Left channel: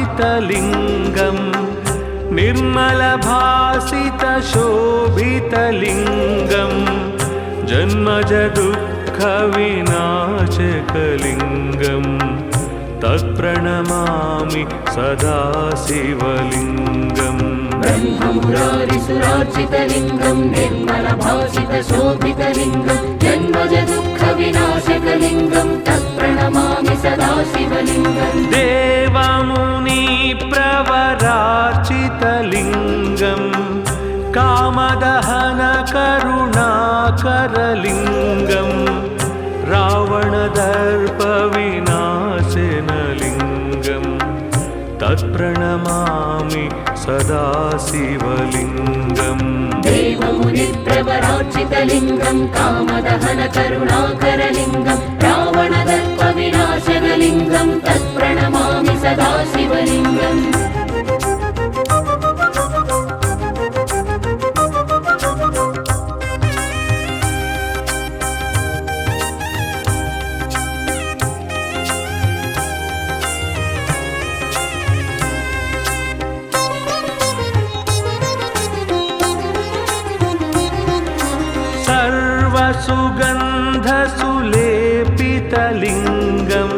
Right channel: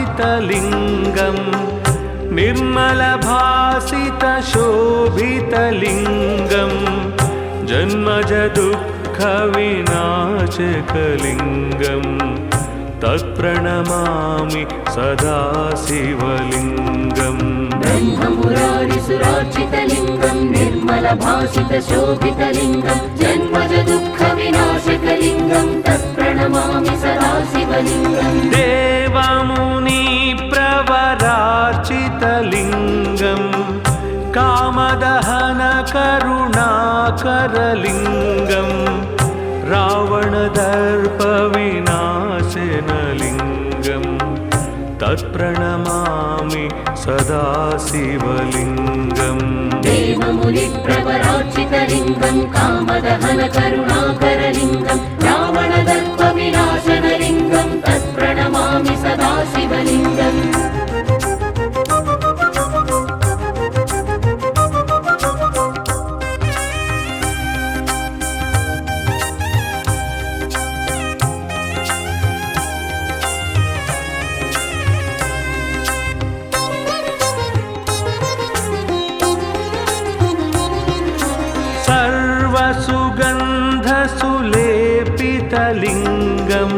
ब्रह्ममुरारिसुराचितलिङ्गं निर्मलभासितशोभितलिङ्गं जन्मजदुःखविनाशकलिङ्गं तत्प्रणमामि सदा शिवलिङ्गम्। ब्रह्ममुरारिसुराचितलिङ्गं निर्मलभासितशोभितलिङ्गं जन्मजदुःखविनाशकलिङ्गं तत्प्रणमामि सदा शिवलिङ्गम्। देवमुनिप्रवरार्चितलिङ्गं कामदहनकरुणाकरलिङ्गं रावणदर्पविनाशनलिङ्गं तत्प्रणमामि सदा शिवलिङ्गम्। देवमुनिप्रवरार्चितलिङ्गं कामदहनकरुणाकरलिङ्गं रावणदर्पविनाशनलिङ्गं तत्प्रणमामि सदा शिवलिङ्गम्। सर्वसुगन्धसुलेपितलिङ्गं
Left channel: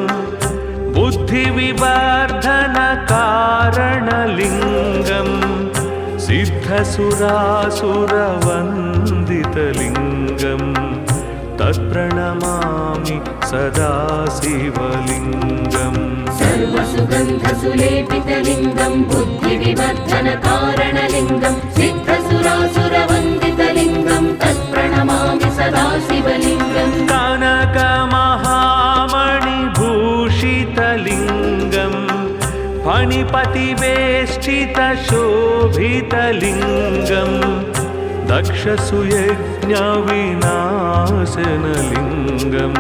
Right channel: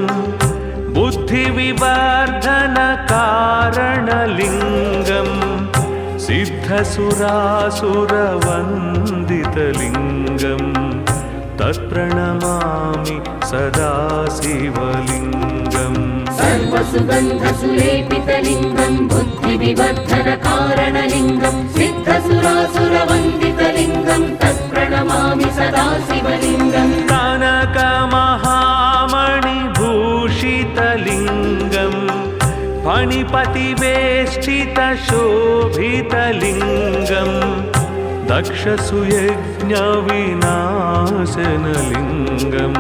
बुद्धिविवर्धनकारणलिङ्गं सिद्धसुरासुरवन्दितलिङ्गं तत्प्रणमामि सदा शिवलिङ्गम्। सर्वसुगन्धसुलेपितलिङ्गं बुद्धिविवर्धनकारणलिङ्गं सिद्धसुरासुरवन्दितलिङ्गं तत्प्रणमामि सदा शिवलिङ्गम्। कनकमहामणिभूषितलिङ्गं फणिपतिवेष्टितशोभितलिङ्गं दक्षसुयज्ञविनाशनलिङ्गं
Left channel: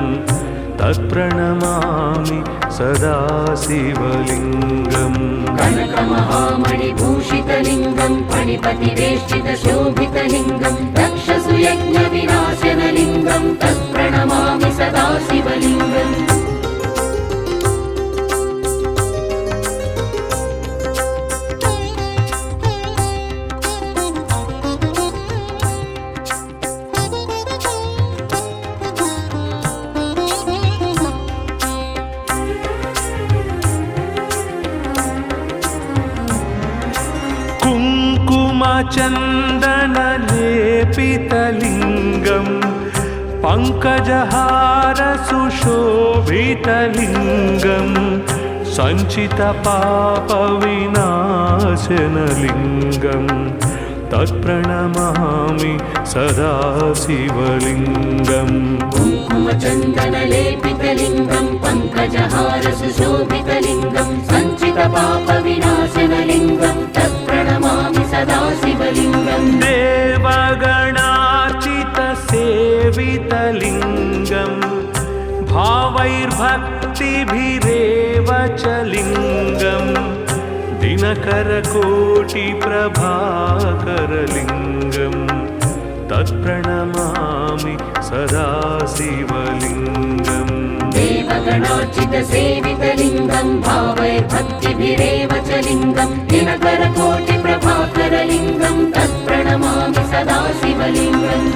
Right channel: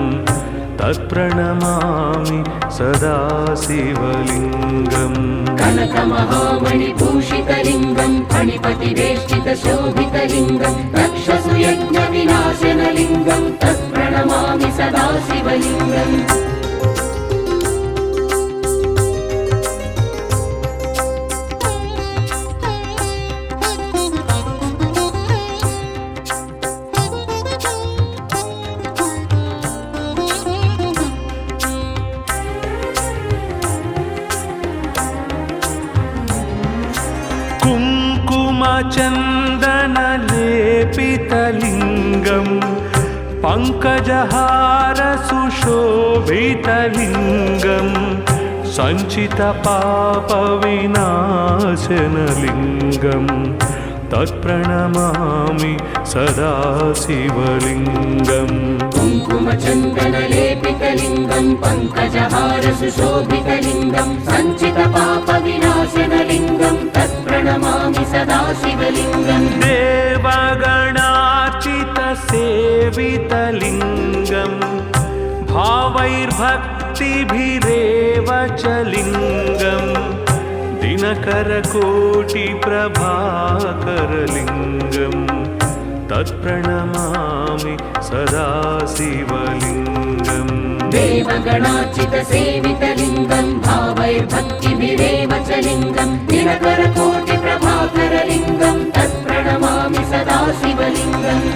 तत्प्रणमामि सदा शिवलिङ्गम्। कनकमहामणिभूषितलिङ्गं फणिपतिवेष्टितशोभितलिङ्गं दक्षसुयज्ञविनाशनलिङ्गं तत्प्रणमामि सदा शिवलिङ्गम्। कुङ्कुमचन्दनलेपितलिङ्गं पङ्कजहारसुशोभितलिङ्गं सञ्चितपापविनाशनलिङ्गं तत्प्रणमामि सदा शिवलिङ्गम्। कुङ्कुमचन्दनलेपितलिङ्गं पङ्कजहारसुशोभितलिङ्गं सञ्चितपापविनाशनलिङ्गं तत्प्रणमामि सदा शिवलिङ्गम्। देवगणार्चितसेवितलिङ्गं भावैर्भक्तिभिरेव च लिङ्गं दिनकरकोटिप्रभाकरलिङ्गं तत्प्रणमामि सदा शिवलिङ्गम्। देवगणार्चितसेवितलिङ्गं भावैर्भक्तिभिरेव च लिङ्गं दिनकरकोटिप्रभाकरलिङ्गं तत्प्रणमामि सदा शिवलिङ्गम्।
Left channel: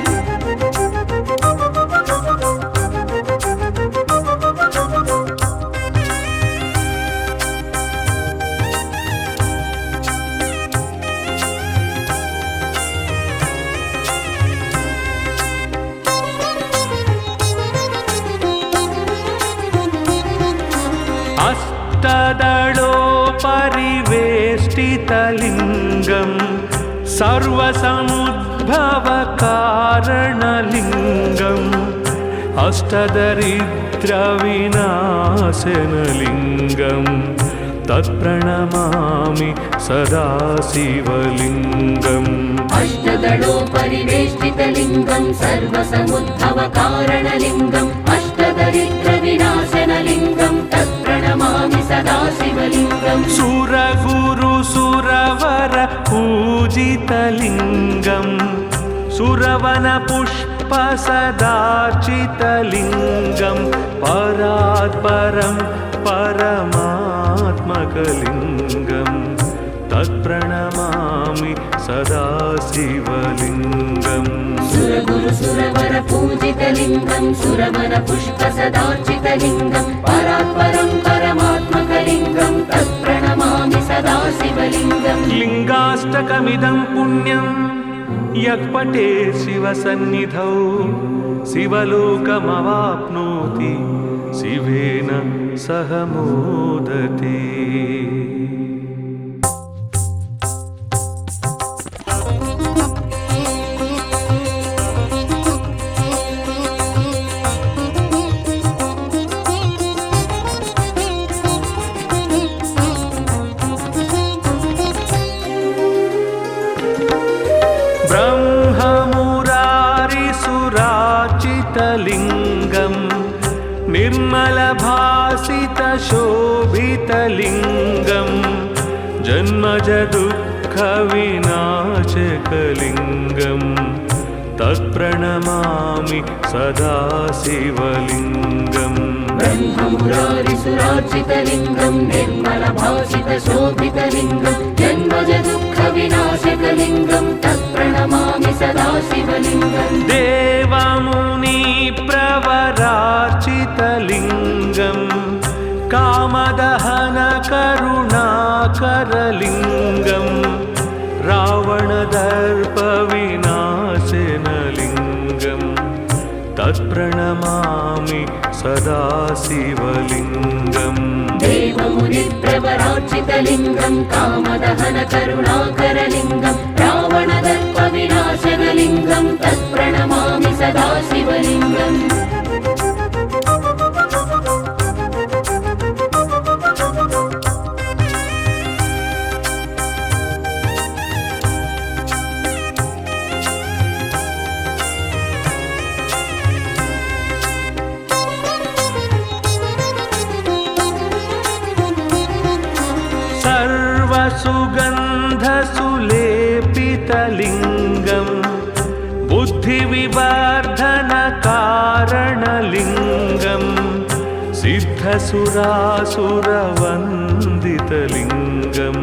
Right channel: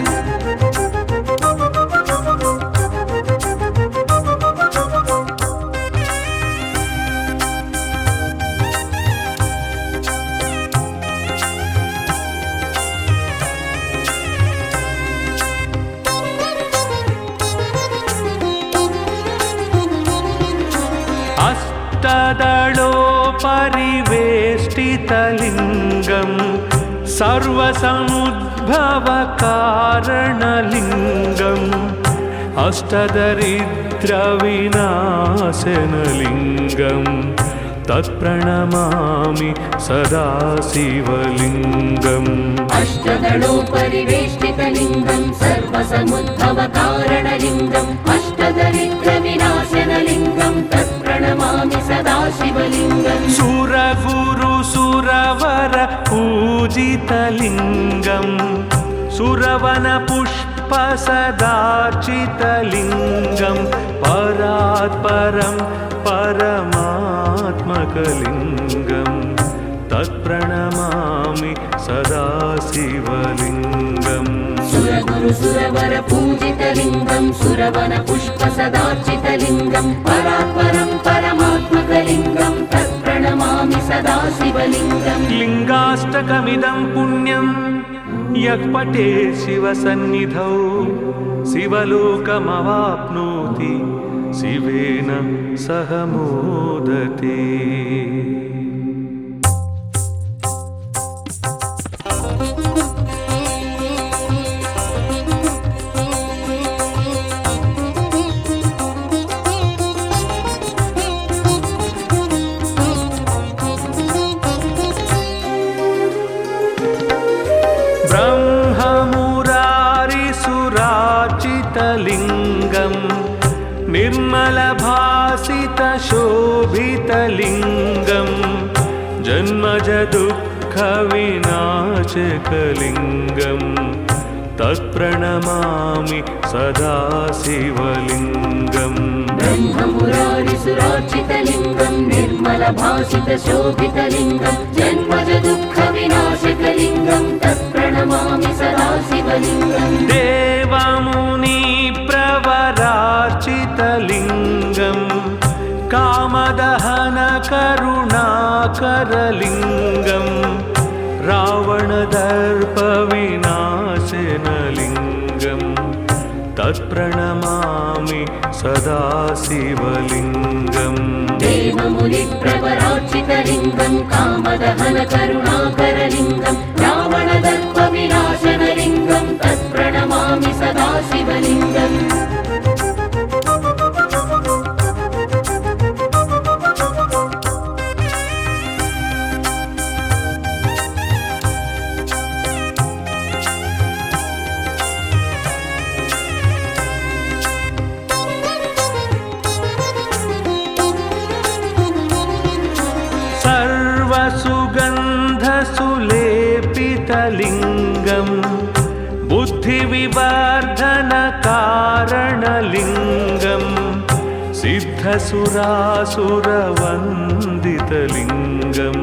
अष्टदलोपरिवेष्टितलिङ्गं सर्वसमुद्भवकारणलिङ्गं अष्टदरिद्रविनाशनलिङ्गं तत्प्रणमामि सदा शिवलिङ्गम् अष्टदलोपरिवेष्टितलिङ्गं सर्वसमुद्भवकारणलिङ्गम् अष्टदरिद्रविनाशनलिङ्गं तत्प्रणमामि सदा शिवलिङ्गम् सुरगुरु सुरवर पूजितलिङ्गम् सुरवनपुष्प सदार्चितलिङ्गं परात् परं परमात्मकलिङ्गं तत्प्रणमामि सदा शिवलिङ्गम् सुरगुरु सुरवर पूजितलिङ्गं सुरवनपुष्प सदार्चितलिङ्गं परात् परं परमात्मकलिङ्गं तत्प्रणमामि सदा शिवलिङ्गम् लिङ्गाष्टकमिदं पुण्यं यः पठेत् शिवसन्निधौ शिवलोकमवाप्नोति शिवेन सह मोदते। ब्रह्ममुरारिसुरार्चितलिङ्गं निर्मलभासितशोभितलिङ्गं जन्मजदुःखविनाशकलिङ्गं तत्प्रणमामि सदा शिवलिङ्गम् ब्रह्ममुरारिसुरार्चितलिङ्गं निर्मलभासितशोभितलिङ्गं जन्मजदुःखविनाशकलिङ्गं तत्प्रणमामि सदा शिवलिङ्गम् देवमुनिप्रवरार्चितलिङ्गं कामदहनकरुणाकरलिङ्गं रावणदर्पविनाशनलिङ्गं तत्प्रणमामि सदा शिवलिङ्गम् देवमुनिप्रवरार्चितलिङ्गं कामदहनकरुणाकरलिङ्गं रावणदर्पविनाशनलिङ्गं तत्प्रणमामि सदा शिवलिङ्गम् सर्वसुगन्धसुलेपितलिङ्गं बुद्धिविवर्धनकारणलिङ्गं सिद्धसुरासुरवन्दितलिङ्गं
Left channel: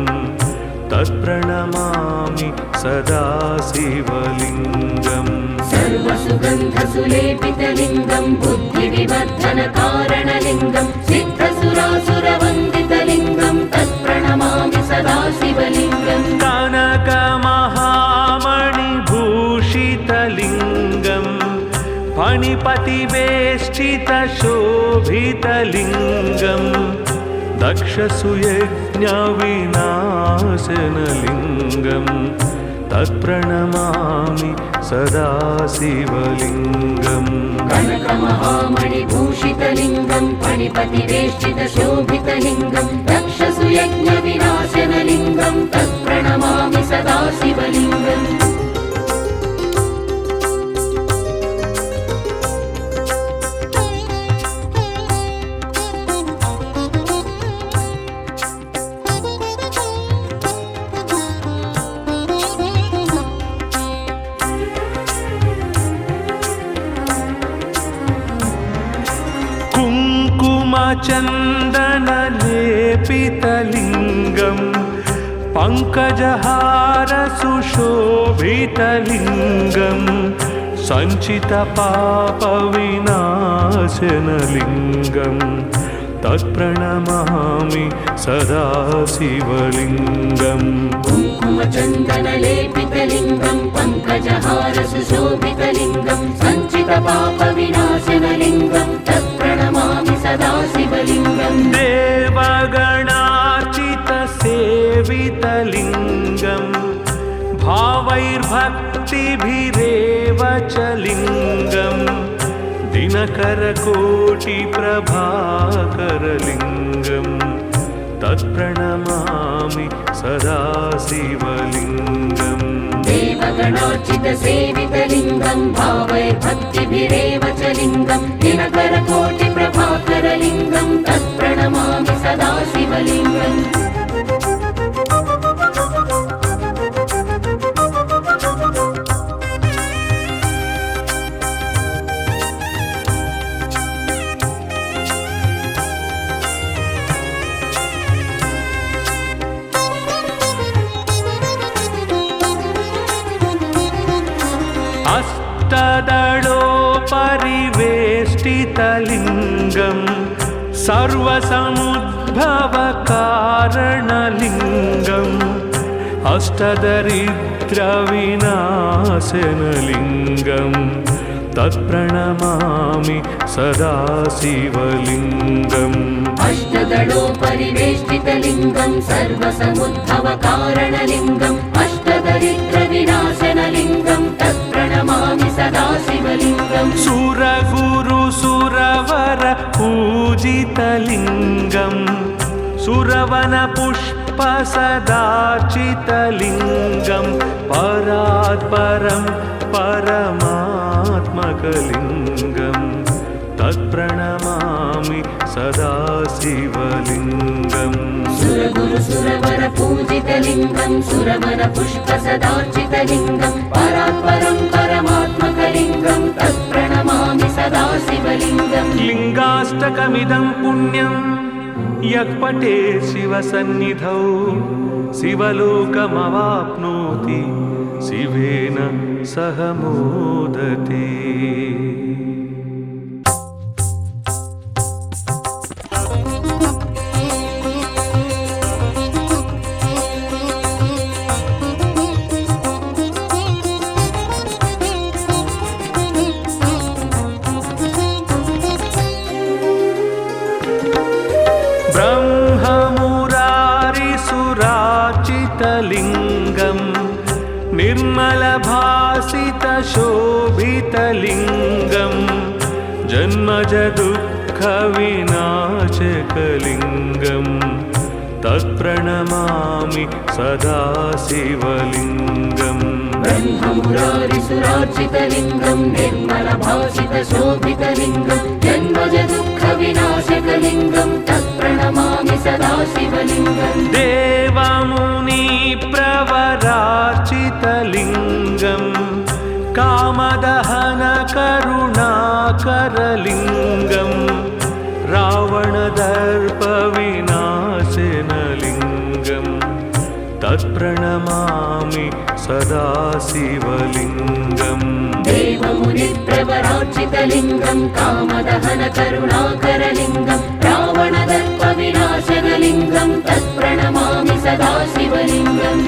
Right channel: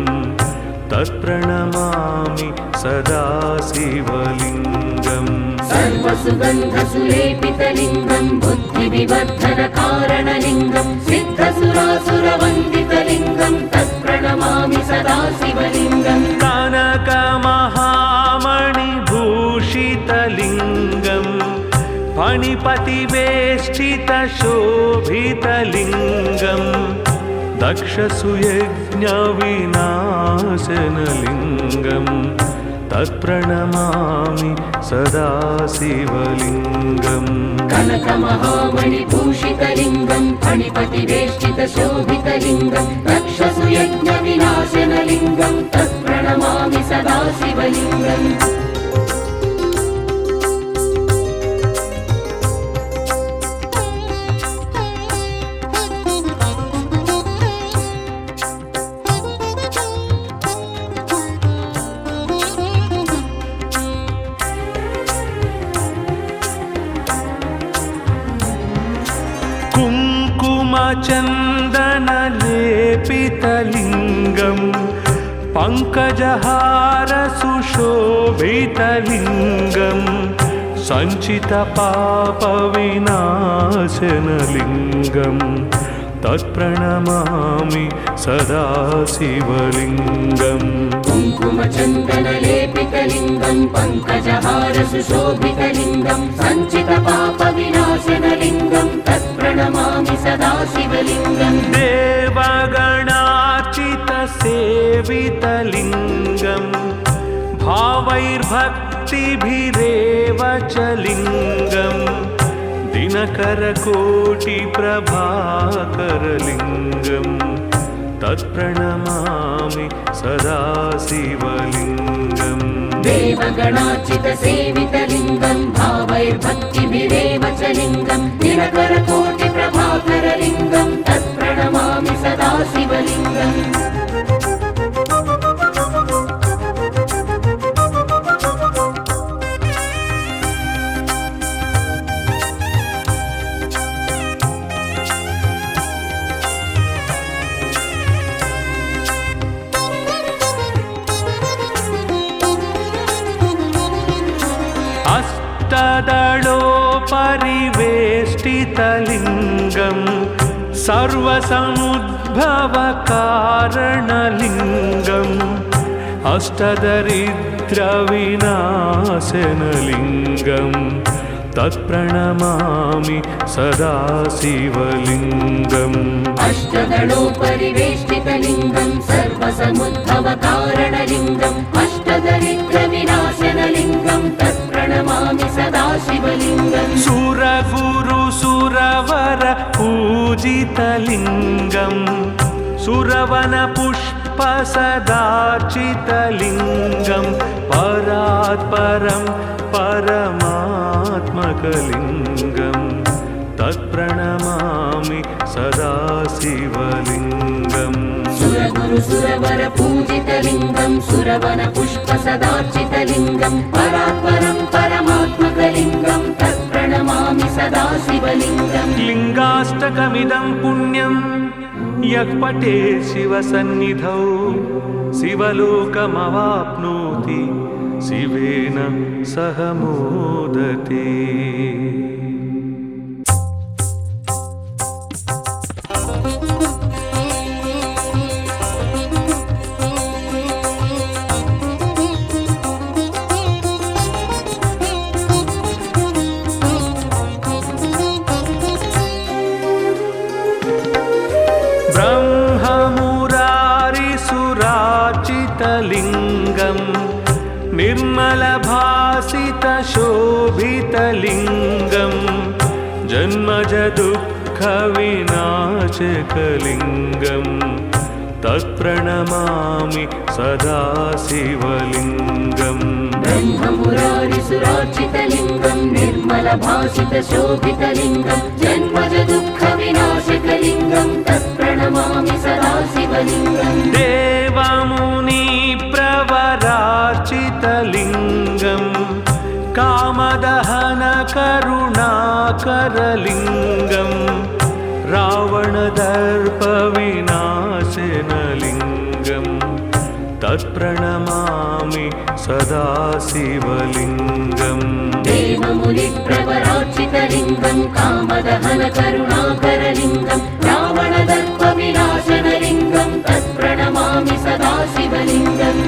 तत्प्रणमामि सदा शिवलिङ्गम् सर्वसुगन्धसुलेपितलिङ्गं बुद्धिविवर्धनकारणलिङ्गं सिद्धसुरासुरवन्दितलिङ्गं तत्प्रणमामि सदा शिवलिङ्गम् कनकमहामणिभूषितलिङ्गं फणिपतिवेष्टितशोभितलिङ्गं दक्षसुयज्ञविनाशनलिङ्गं तत्प्रणमामि सदा शिवलिङ्गम् कनकमहामणिभूषितलिङ्गं फणिपतिवेष्टितशोभितलिङ्गं दक्षसुयज्ञविनाशनलिङ्गं तत्प्रणमामि सदा शिवलिङ्गम् कुङ्कुमचन्दनलेपितलिङ्गं पङ्कजहारसुशोभितलिङ्गं सञ्चितपापविनाशनलिङ्गं तत्प्रणमामि सदा शिवलिङ्गम् कुङ्कुमचन्दनलेपितलिङ्गं पङ्कजहारसुशोभितलिङ्गं सञ्चितपापविनाशनलिङ्गं तत्प्रणमामि सदा शिवलिङ्गम् देवगणार्चितसेवितलिङ्गं भावैर्भक्तिभिरेव च लिङ्गं दिनकरकोटिप्रभाकरलिङ्गं तत्प्रणमामि सदा शिवलिङ्गम् देवगणार्चितसेवितलिङ्गं भावैर्भक्तिभिरेव च लिङ्गं दिनकरकोटिप्रभाकरलिङ्गं तत्प्रणमामि सदा शिवलिङ्गम् अष्टदलोपरिवेष्टितलिङ्गं सर्वसमुद्भवकारणलिङ्गम् अष्टदरिद्रविनाशनलिङ्गं तत्प्रणमामि सदा शिवलिङ्गम् अष्टदलोपरिवेष्टितलिङ्गं सर्वसमुद्भवकारणलिङ्गम् अष्टदरिद्रविनाशनलिङ्गं तत्प्रणमामि सदा शिवलिङ्गम् सुरगुरुसुरवर पूजितलिङ्गं सुरवनपुष्पसदार्चितलिङ्गं परात्परं परमात्मकलिङ्गं तत्प्रणमामि सदा शिवलिङ्गम् सुरगुरुसुरवर पूजितलिङ्गं सुरवनपुष्पसदार्चितलिङ्गं परात्परं परमात्मकलिङ्गं तत्प्रणमामि सदा शिवलिङ्गम् लिङ्गाष्टकमिदं पुण्यं यः पठेत् शिवसन्निधौ शिवलोकमवाप्नोति शिवेन सह मोदते। ब्रह्ममुरारिसुरार्चितलिङ्गं निर्मलभासितशोभितलिङ्गं जन्मजदुःखविनाशकलिङ्गं तत्प्रणमामि सदा शिवलिङ्गम् ब्रह्ममुरारिसुरार्चितलिङ्गं निर्मलभासितशोभितलिङ्गं जन्मजदुःखविनाशकलिङ्गं तत्प्रणमामि सदा शिवलिङ्गम् देवमुनिप्रवरार्चितलिङ्गं कामदहनकरुणाकरलिङ्गं रावणदर्पविनाशनलिङ्गं तत्प्रणमामि सदा शिवलिङ्गम् देवमुनिप्रवरार्चितलिङ्गं कामदहनकरुणाकरलिङ्गं रावणदर्पविनाशनलिङ्गं तत्प्रणमामि सदा शिवलिङ्गम्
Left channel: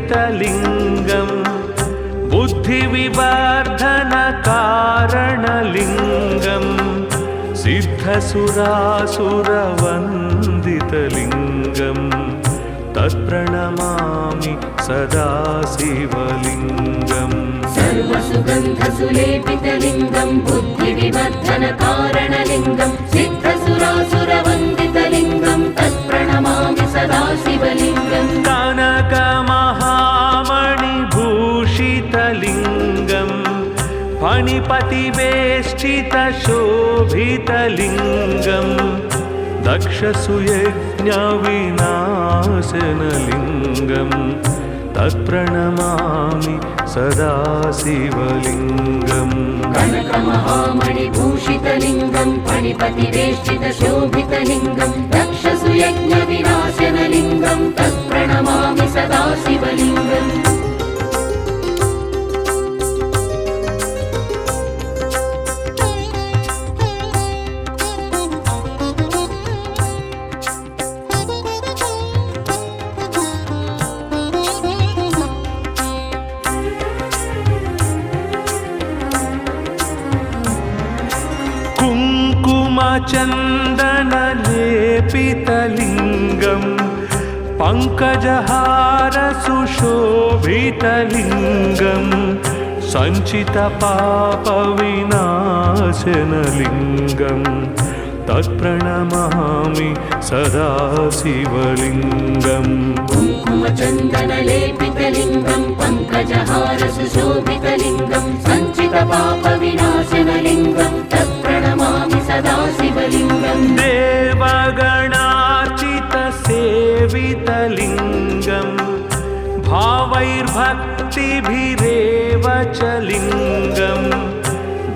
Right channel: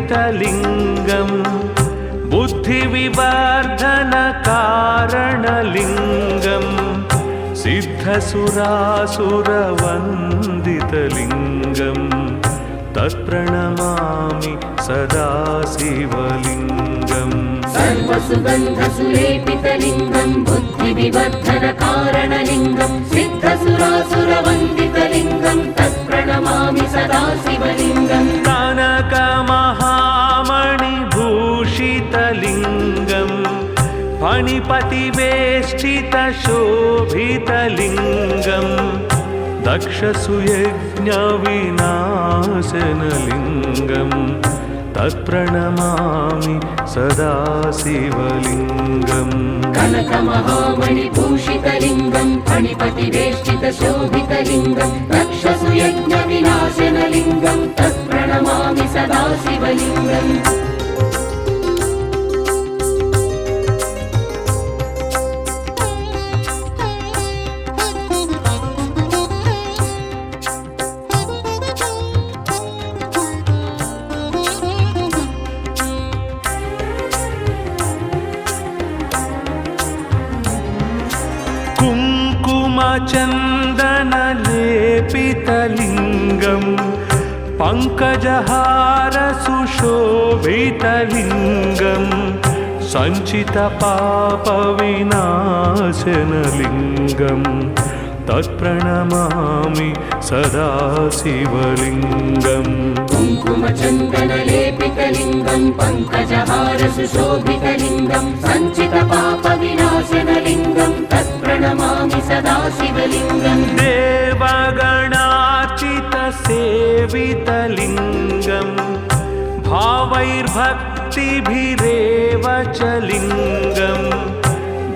सर्वसुगन्धसुलेपितलिङ्गं बुद्धिविवर्धनकारणलिङ्गं सिद्धसुरासुरवन्दितलिङ्गं तत्प्रणमामि सदा शिवलिङ्गम् सर्वसुगन्धसुलेपितलिङ्गं बुद्धिविवर्धनकारणलिङ्गं सिद्धसुरासुरवन्दितलिङ्गं तत्प्रणमामि सदा शिवलिङ्गम् कनकमहामणिभूषितलिङ्गं फणिपतिवेष्टितशोभितलिङ्गं दक्षसुयज्ञविनाशनलिङ्गं तत्प्रणमामि सदा शिवलिङ्गम् कनकमहामणिभूषितलिङ्गं फणिपतिवेष्टितशोभितलिङ्गं दक्षसुयज्ञविनाशनलिङ्गं तत्प्रणमामि सदा शिवलिङ्गम् कुङ्कुमचन्दनलेपितलिङ्गं पङ्कजहारसुशोभितलिङ्गं सञ्चितपापविनाशनलिङ्गं तत्प्रणमामि सदा शिवलिङ्गम् कुङ्कुमचन्दनलेपितलिङ्गं पङ्कजहारसुशोभितलिङ्गं सञ्चितपापविनाशनलिङ्गं तत्प्रणमामि सदा शिवलिङ्गम् देवगणार्चितसेवितलिङ्गं भावैर्भक्तिभिरेव च लिङ्गं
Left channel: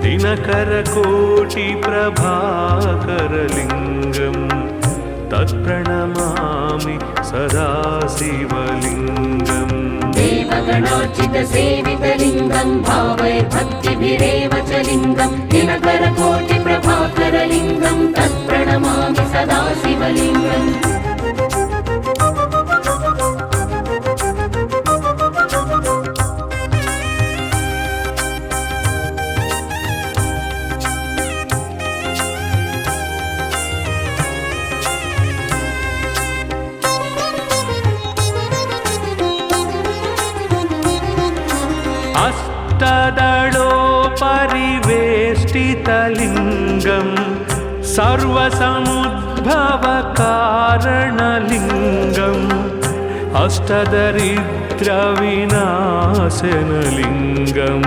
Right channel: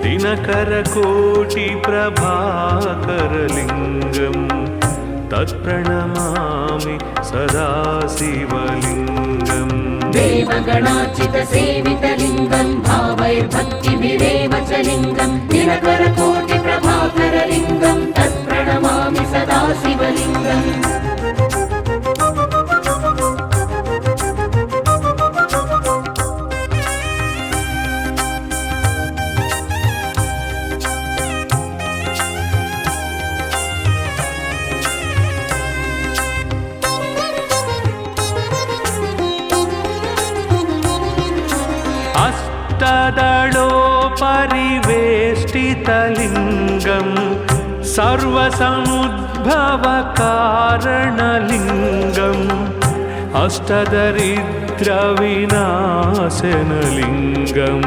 दिनकरकोटिप्रभाकरलिङ्गं तत्प्रणमामि सदा शिवलिङ्गम् देवगणार्चितसेवितलिङ्गं भावैर्भक्तिभिरेव च लिङ्गं दिनकरकोटिप्रभाकरलिङ्गं तत्प्रणमामि सदा शिवलिङ्गम् अष्टदलोपरिवेष्टितलिङ्गं सर्वसमुद्भवकारणलिङ्गम् अष्टदरिद्रविनाशनलिङ्गं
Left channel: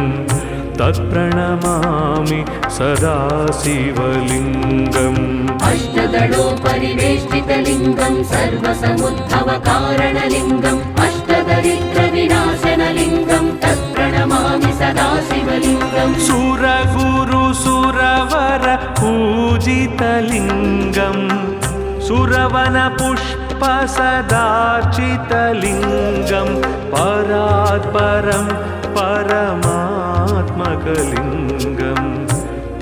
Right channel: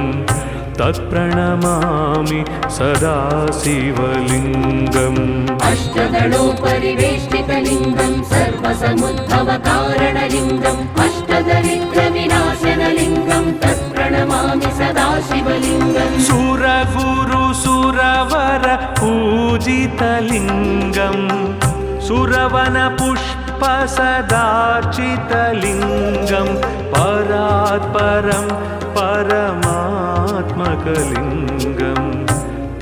तत्प्रणमामि सदा शिवलिङ्गम् अष्टदलोपरिवेष्टितलिङ्गं सर्वसमुद्भवकारणलिङ्गम् अष्टदरिद्रविनाशनलिङ्गं तत्प्रणमामि सदा शिवलिङ्गम् सुरगुरुसुरवर पूजितलिङ्गं सुरवनपुष्पसदार्चितलिङ्गं परात्परं परमात्मकलिङ्गं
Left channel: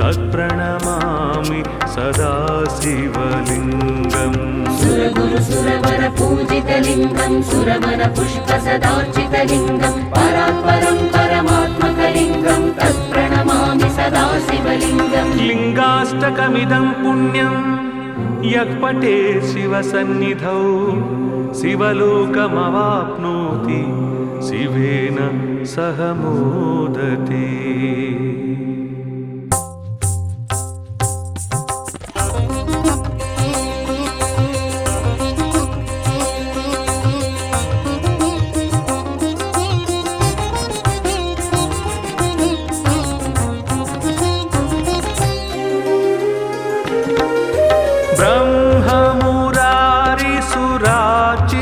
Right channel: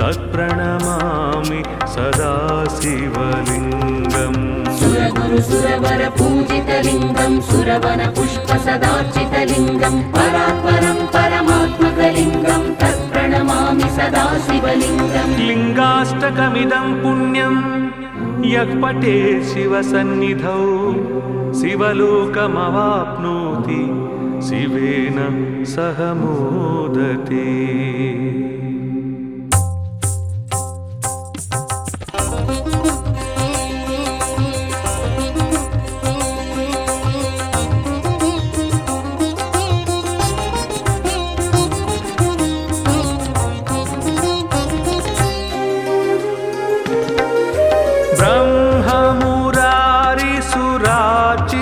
तत्प्रणमामि सदा शिवलिङ्गम् सुरगुरुसुरवर पूजितलिङ्गं सुरवनपुष्पसदार्चितलिङ्गं परात्परं परमात्मकलिङ्गं तत्प्रणमामि सदा शिवलिङ्गम् लिङ्गाष्टकमिदं पुण्यं यः पठेत् शिवसन्निधौ शिवलोकमवाप्नोति शिवेन सह मोदते।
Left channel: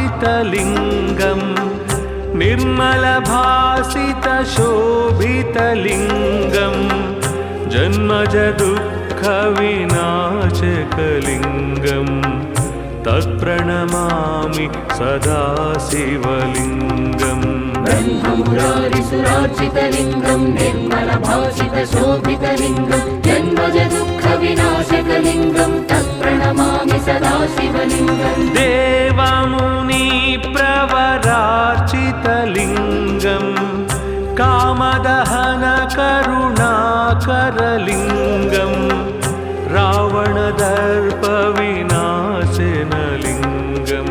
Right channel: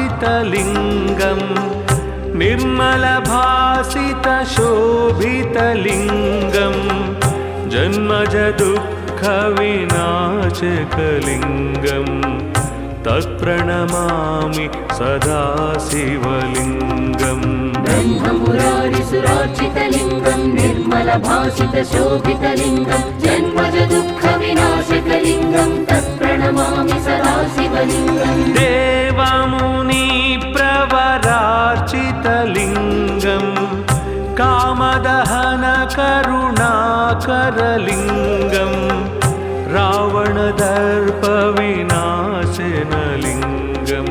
ब्रह्ममुरारिसुरार्चितलिङ्गं निर्मलभासितशोभितलिङ्गं जन्मजदुःखविनाशकलिङ्गं तत्प्रणमामि सदा शिवलिङ्गम् ब्रह्ममुरारिसुरार्चितलिङ्गं निर्मलभासितशोभितलिङ्गं जन्मजदुःखविनाशकलिङ्गं तत्प्रणमामि सदा शिवलिङ्गम् देवमुनिप्रवरार्चितलिङ्गं कामदहनकरुणाकरलिङ्गं रावणदर्पविनाशनलिङ्गं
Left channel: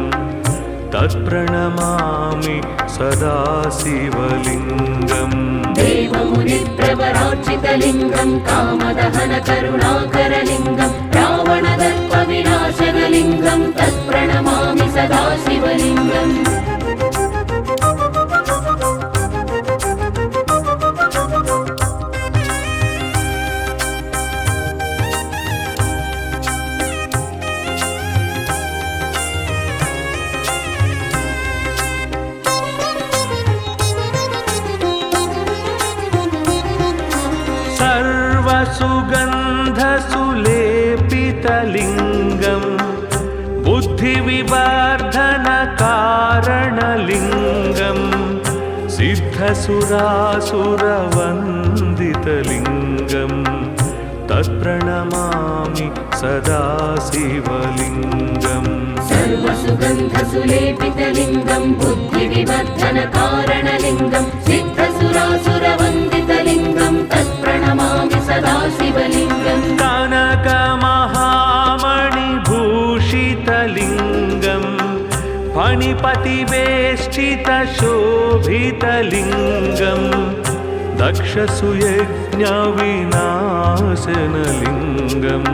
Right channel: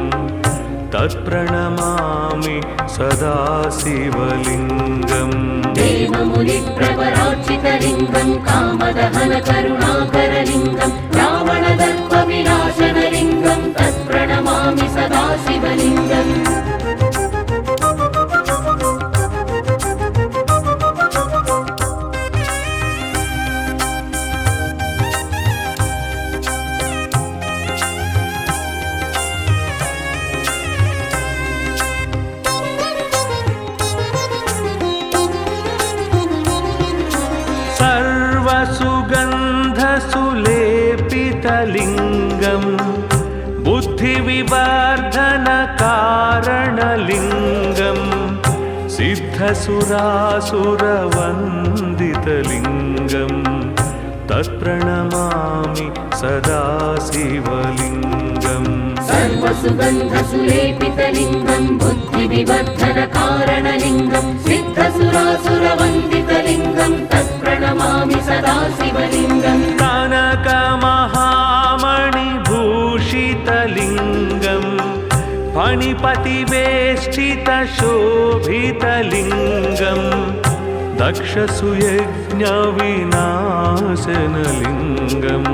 तत्प्रणमामि सदा शिवलिङ्गम् देवमुनिप्रवरार्चितलिङ्गं कामदहनकरुणाकरलिङ्गं रावणदर्पविनाशनलिङ्गं तत्प्रणमामि सदा शिवलिङ्गम् सर्वसुगन्धसुलेपितलिङ्गं बुद्धिविवर्धनकारणलिङ्गं सिद्धसुरासुरवन्दितलिङ्गं तत्प्रणमामि सदा शिवलिङ्गम् सर्वसुगन्धसुलेपितलिङ्गं बुद्धिविवर्धनकारणलिङ्गं सिद्धसुरासुरवन्दितलिङ्गं तत्प्रणमामि सदा शिवलिङ्गम् कनकमहा सदाशिवलिङ्गं फणिपतिवेष्टितशोभितलिङ्गं दक्षसुयज्ञविनाशनलिङ्गं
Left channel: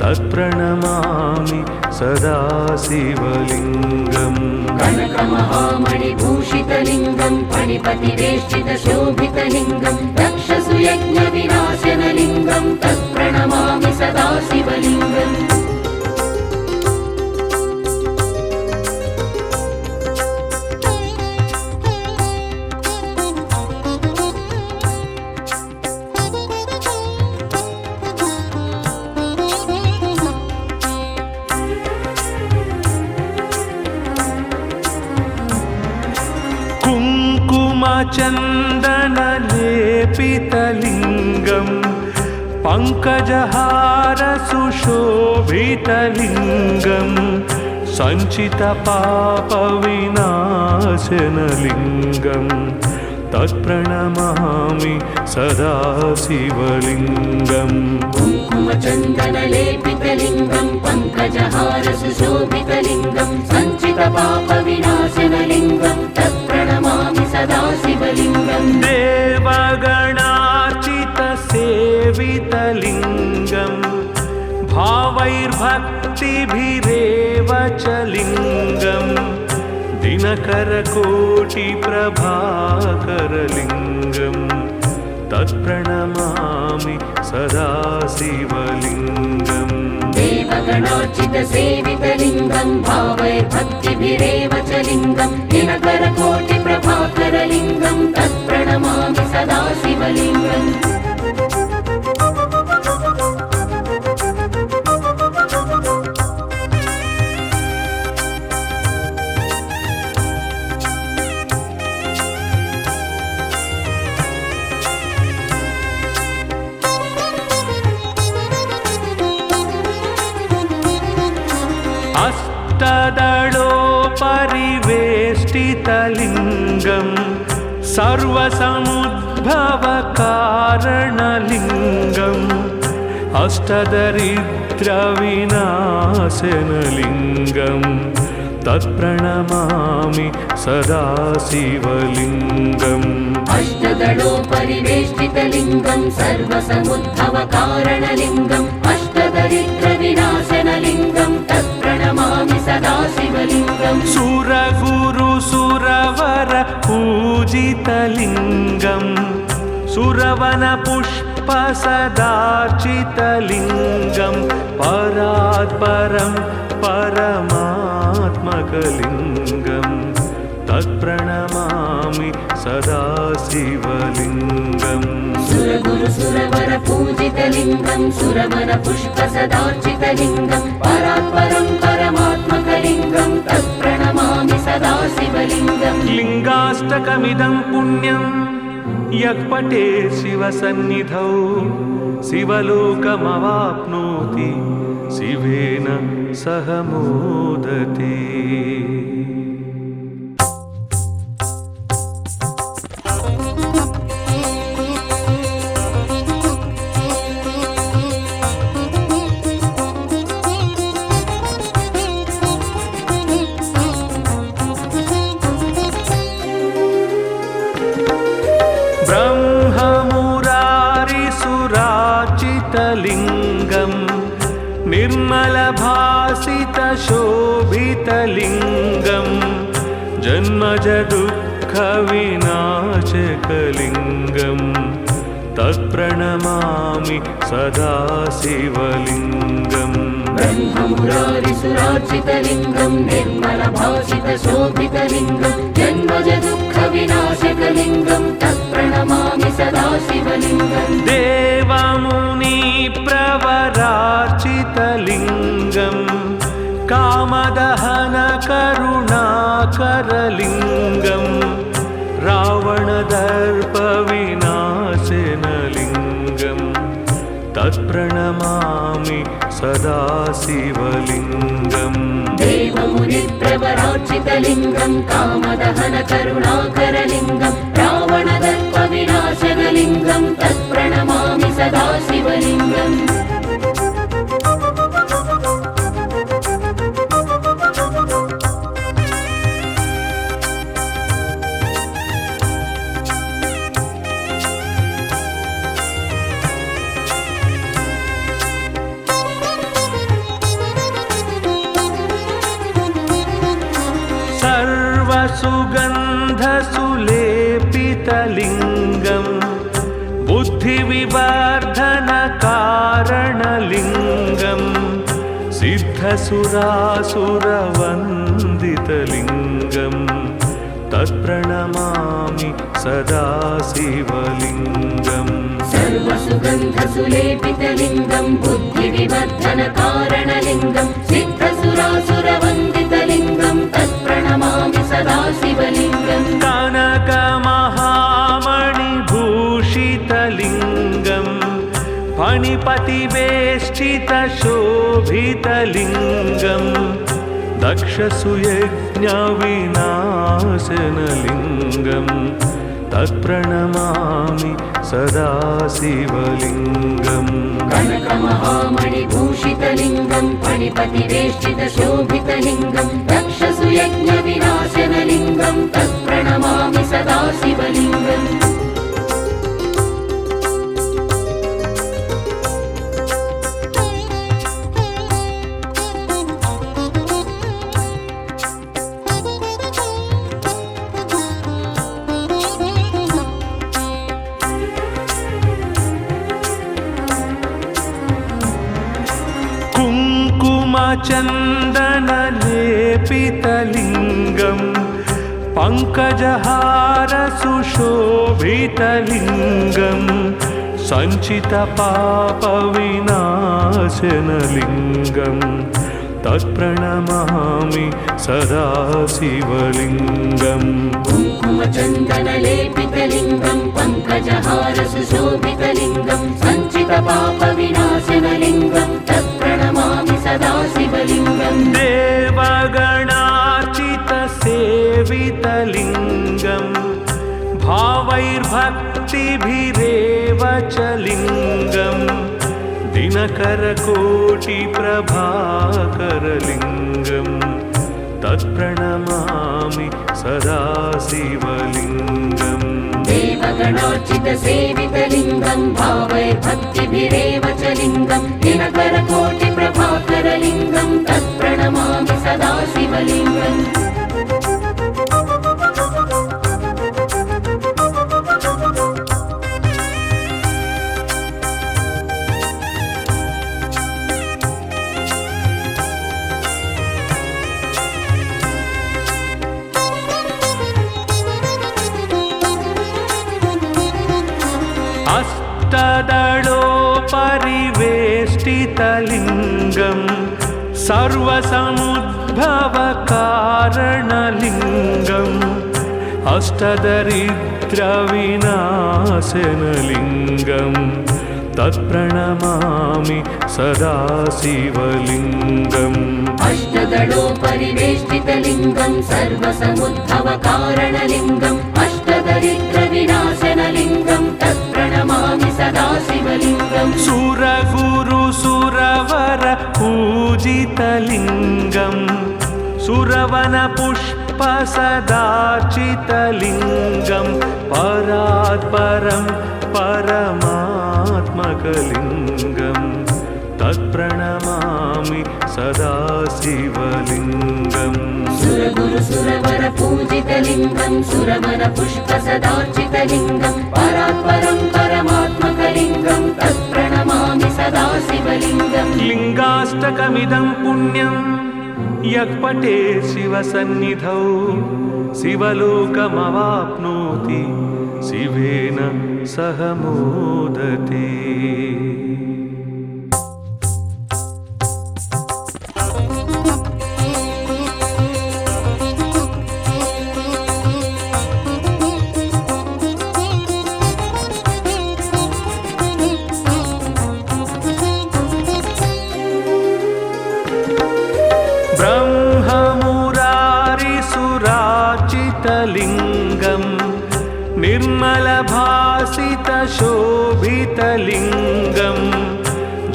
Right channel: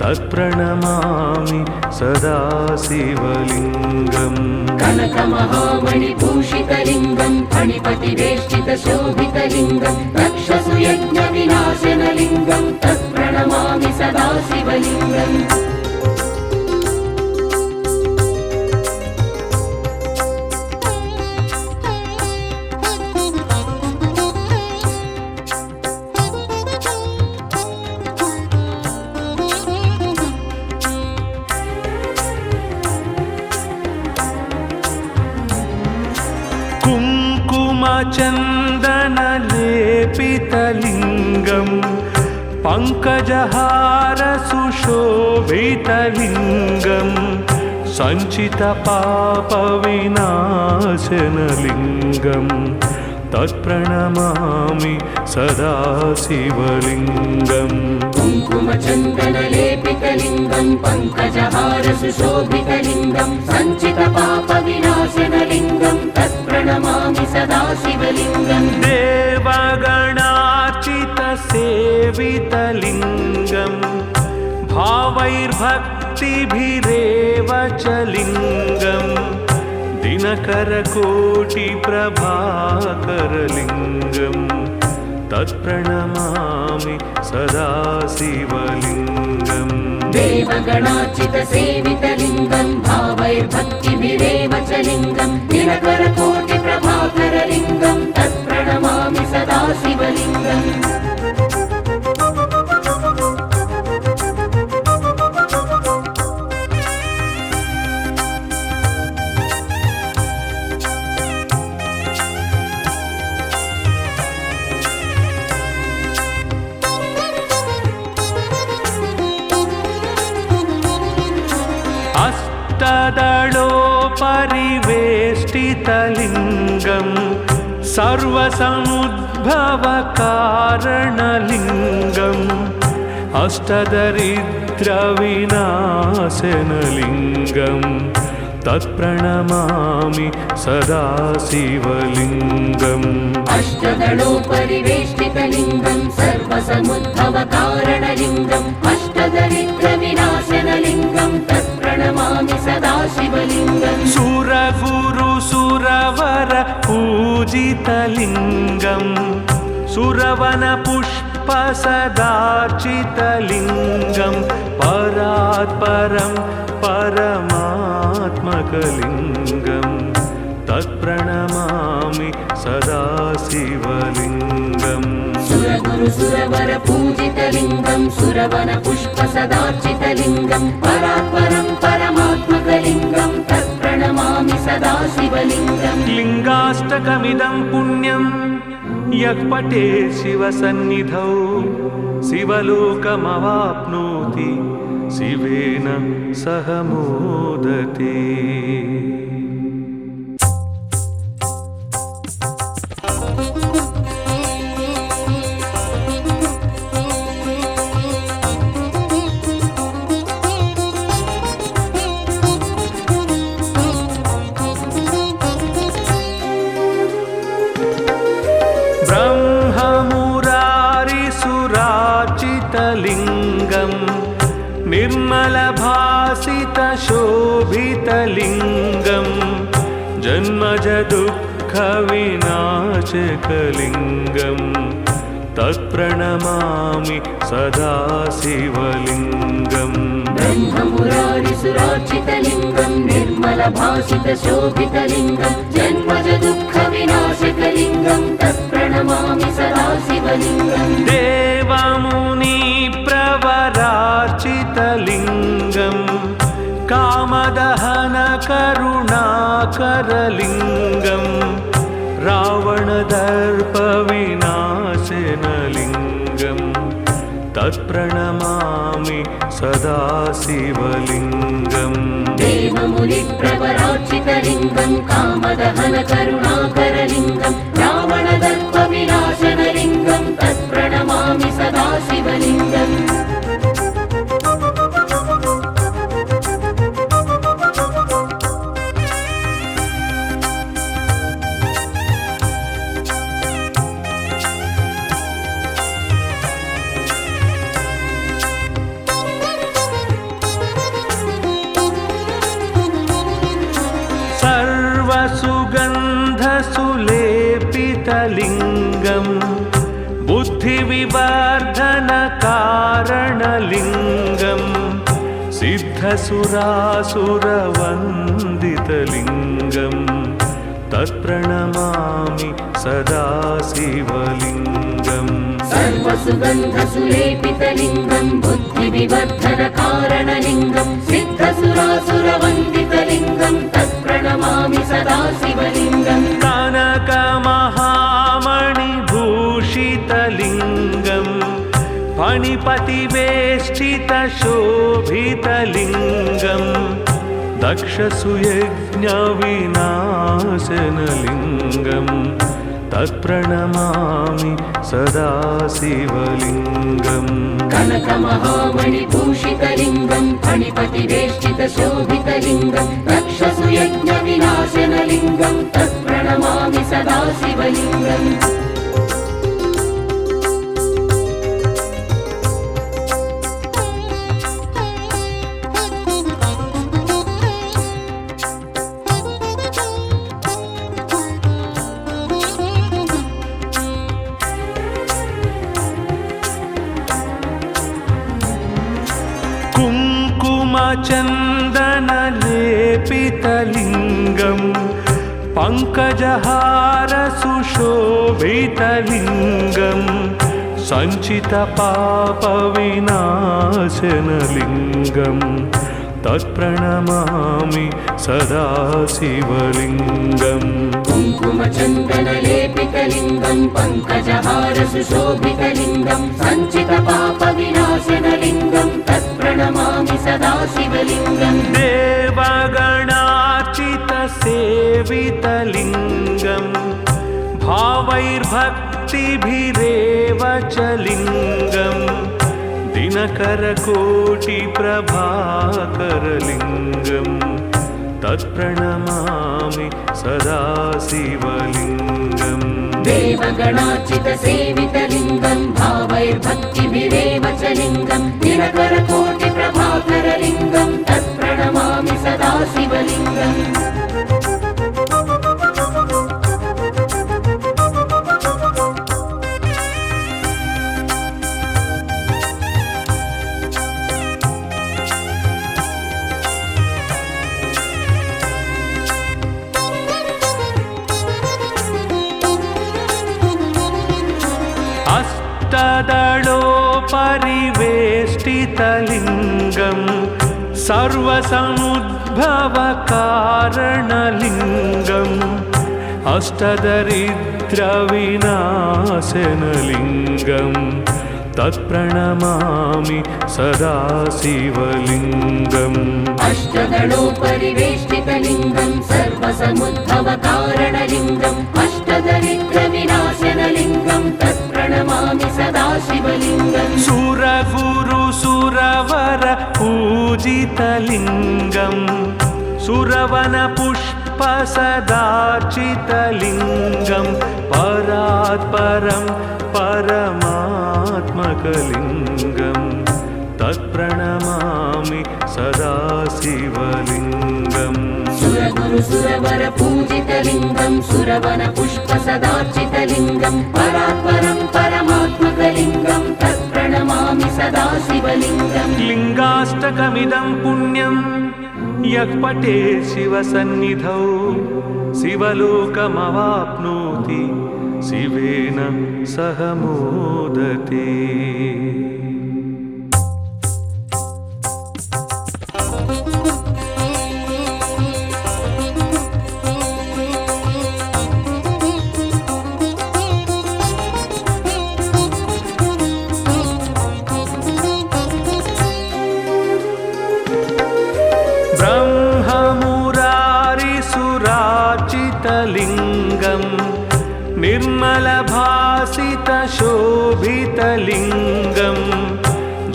तत्प्रणमामि सदा शिवलिङ्गम् कनकमहामणिभूषितलिङ्गं फणिपतिवेष्टितशोभितलिङ्गं दक्षसुयज्ञविनाशनलिङ्गं तत्प्रणमामि सदा शिवलिङ्गम् कुङ्कुमचन्दनलेपितलिङ्गं पङ्कजहारसुशोभितलिङ्गं सञ्चितपापविनाशनलिङ्गं तत्प्रणमामि सदा शिवलिङ्गम् कुङ्कुमचन्दनलेपितलिङ्गं पङ्कजहारसुशोभितलिङ्गं सञ्चितपापविनाशनलिङ्गं तत्प्रणमामि सदा शिवलिङ्गम् देवगणार्चितसेवितलिङ्गं भावैर्भक्तिभिरेव च लिङ्गं दिनकरकोटिप्रभाकरलिङ्गं तत्प्रणमामि सदा शिवलिङ्गम् देवगणार्चितसेवितलिङ्गं भावैर्भक्तिभिरेव च लिङ्गं दिनकरकोटिप्रभाकरलिङ्गं तत्प्रणमामि सदा शिवलिङ्गम् अष्टदलोपरिवेष्टितलिङ्गं सर्वसमुद्भवकारणलिङ्गम् अष्टदरिद्रविनाशनलिङ्गं तत्प्रणमामि सदा शिवलिङ्गम् अष्टदलोपरिवेष्टितलिङ्गं सर्वसमुद्भवकारणलिङ्गम् अष्टदरिद्रविनाशनलिङ्गं तत्प्रणमामि सदा शिवलिङ्गम् सुरगुरुसुरवर पूजितलिङ्गं सुरवनपुष्पसदार्चितलिङ्गं परात्परं परमात्मकलिङ्गं तत्प्रणमामि सदा शिवलिङ्गम् सुरगुरुसुरवर पूजितलिङ्गं सुरवनपुष्पसदार्चितलिङ्गं परात्परं परमात्मकलिङ्गं तत्प्रणमामि सदा शिवलिङ्गम् लिङ्गाष्टकमिदं पुण्यं यः पठेत् शिवसन्निधौ शिवलोकमवाप्नोति शिवेन सह मोदते। ब्रह्ममुरारिसुरार्चितलिङ्गं निर्मलभासितशोभितलिङ्गं जन्मजदुःखविनाशकलिङ्गं तत्प्रणमामि सदा शिवलिङ्गम् ब्रह्ममुरारिसुरार्चितलिङ्गं निर्मलभासितशोभितलिङ्गं जन्मजदुःखविनाशकलिङ्गं तत्प्रणमामि सदा शिवलिङ्गम् देवमुनिप्रवरार्चितलिङ्गं कामदहनकरुणाकरलिङ्गं रावणदर्पविनाशनलिङ्गं तत्प्रणमामि सदा शिवलिङ्गम् देवमुनिप्रवरार्चितलिङ्गं कामदहनकरुणाकरलिङ्गं रावणदर्पविनाशनलिङ्गं तत्प्रणमामि सदा शिवलिङ्गम् सर्वसुगन्धसुलेपितलिङ्गं बुद्धिविवर्धनकारणलिङ्गं सिद्धसुरासुरवन्दितलिङ्गं तत्प्रणमामि सदा शिवलिङ्गम् सर्वसुगन्धसुलेपितलिङ्गं बुद्धिविवर्धनकारणलिङ्गं सिद्धसुरासुरवन्दितलिङ्गं तत्प्रणमामि सदा शिवलिङ्गम् कनकमहामणिभूषितलिङ्गं फणिपतिवेष्टितशोभितलिङ्गं दक्षसुयज्ञविनाशनलिङ्गं तत्प्रणमामि सदा शिवलिङ्गम् कनकमहामणिभूषितलिङ्गं फणिपतिवेष्टितशोभितलिङ्गं दक्षसुयज्ञविनाशनलिङ्गं तत्प्रणमामि सदा शिवलिङ्गम् कुङ्कुमचन्दनलेपितलिङ्गं पङ्कजहारसुशोभितलिङ्गं सञ्चितपापविनाशनलिङ्गं तत्प्रणमामि सदा शिवलिङ्गम् कुङ्कुमचन्दनलेपितलिङ्गं पङ्कजहारसुशोभितलिङ्गं सञ्चितपापविनाशनलिङ्गं तत्प्रणमामि सदा शिवलिङ्गम् देवगणार्चितसेवितलिङ्गं भावैर्भक्तिभिरेव च लिङ्गं दिनकरकोटिप्रभाकरलिङ्गं तत्प्रणमामि सदा शिवलिङ्गम् देवगणार्चितसेवितलिङ्गं भावैर्भक्तिभिरेव च लिङ्गं दिनकरकोटिप्रभाकरलिङ्गं तत्प्रणमामि सदा शिवलिङ्गम् अष्टदलोपरिवेष्टितलिङ्गं सर्वसमुद्भवकारणलिङ्गं अष्टदरिद्रविनाशनलिङ्गं तत्प्रणमामि सदा शिवलिङ्गम् अष्टदलोपरिवेष्टितलिङ्गं सर्वसमुद्भवकारणलिङ्गम् अष्टदरिद्रविनाशनलिङ्गं तत्प्रणमामि सदा शिवलिङ्गम् सुरगुरुसुरवर पूजितलिङ्गं सुरवनपुष्पसदार्चितलिङ्गं परात्परं परमात्मकलिङ्गं तत्प्रणमामि सदा शिवलिङ्गम् सुरगुरुसुरवर पूजितलिङ्गं सुरवनपुष्पसदार्चितलिङ्गं परात्परं परमात्मकलिङ्गं तत्प्रणमामि सदा शिवलिङ्गम् लिङ्गाष्टकमिदं पुण्यं यः पठेत् शिवसन्निधौ शिवलोकमवाप्नोति शिवेन सह मोदते। ब्रह्ममुरारिसुरार्चितलिङ्गं निर्मलभासितशोभितलिङ्गं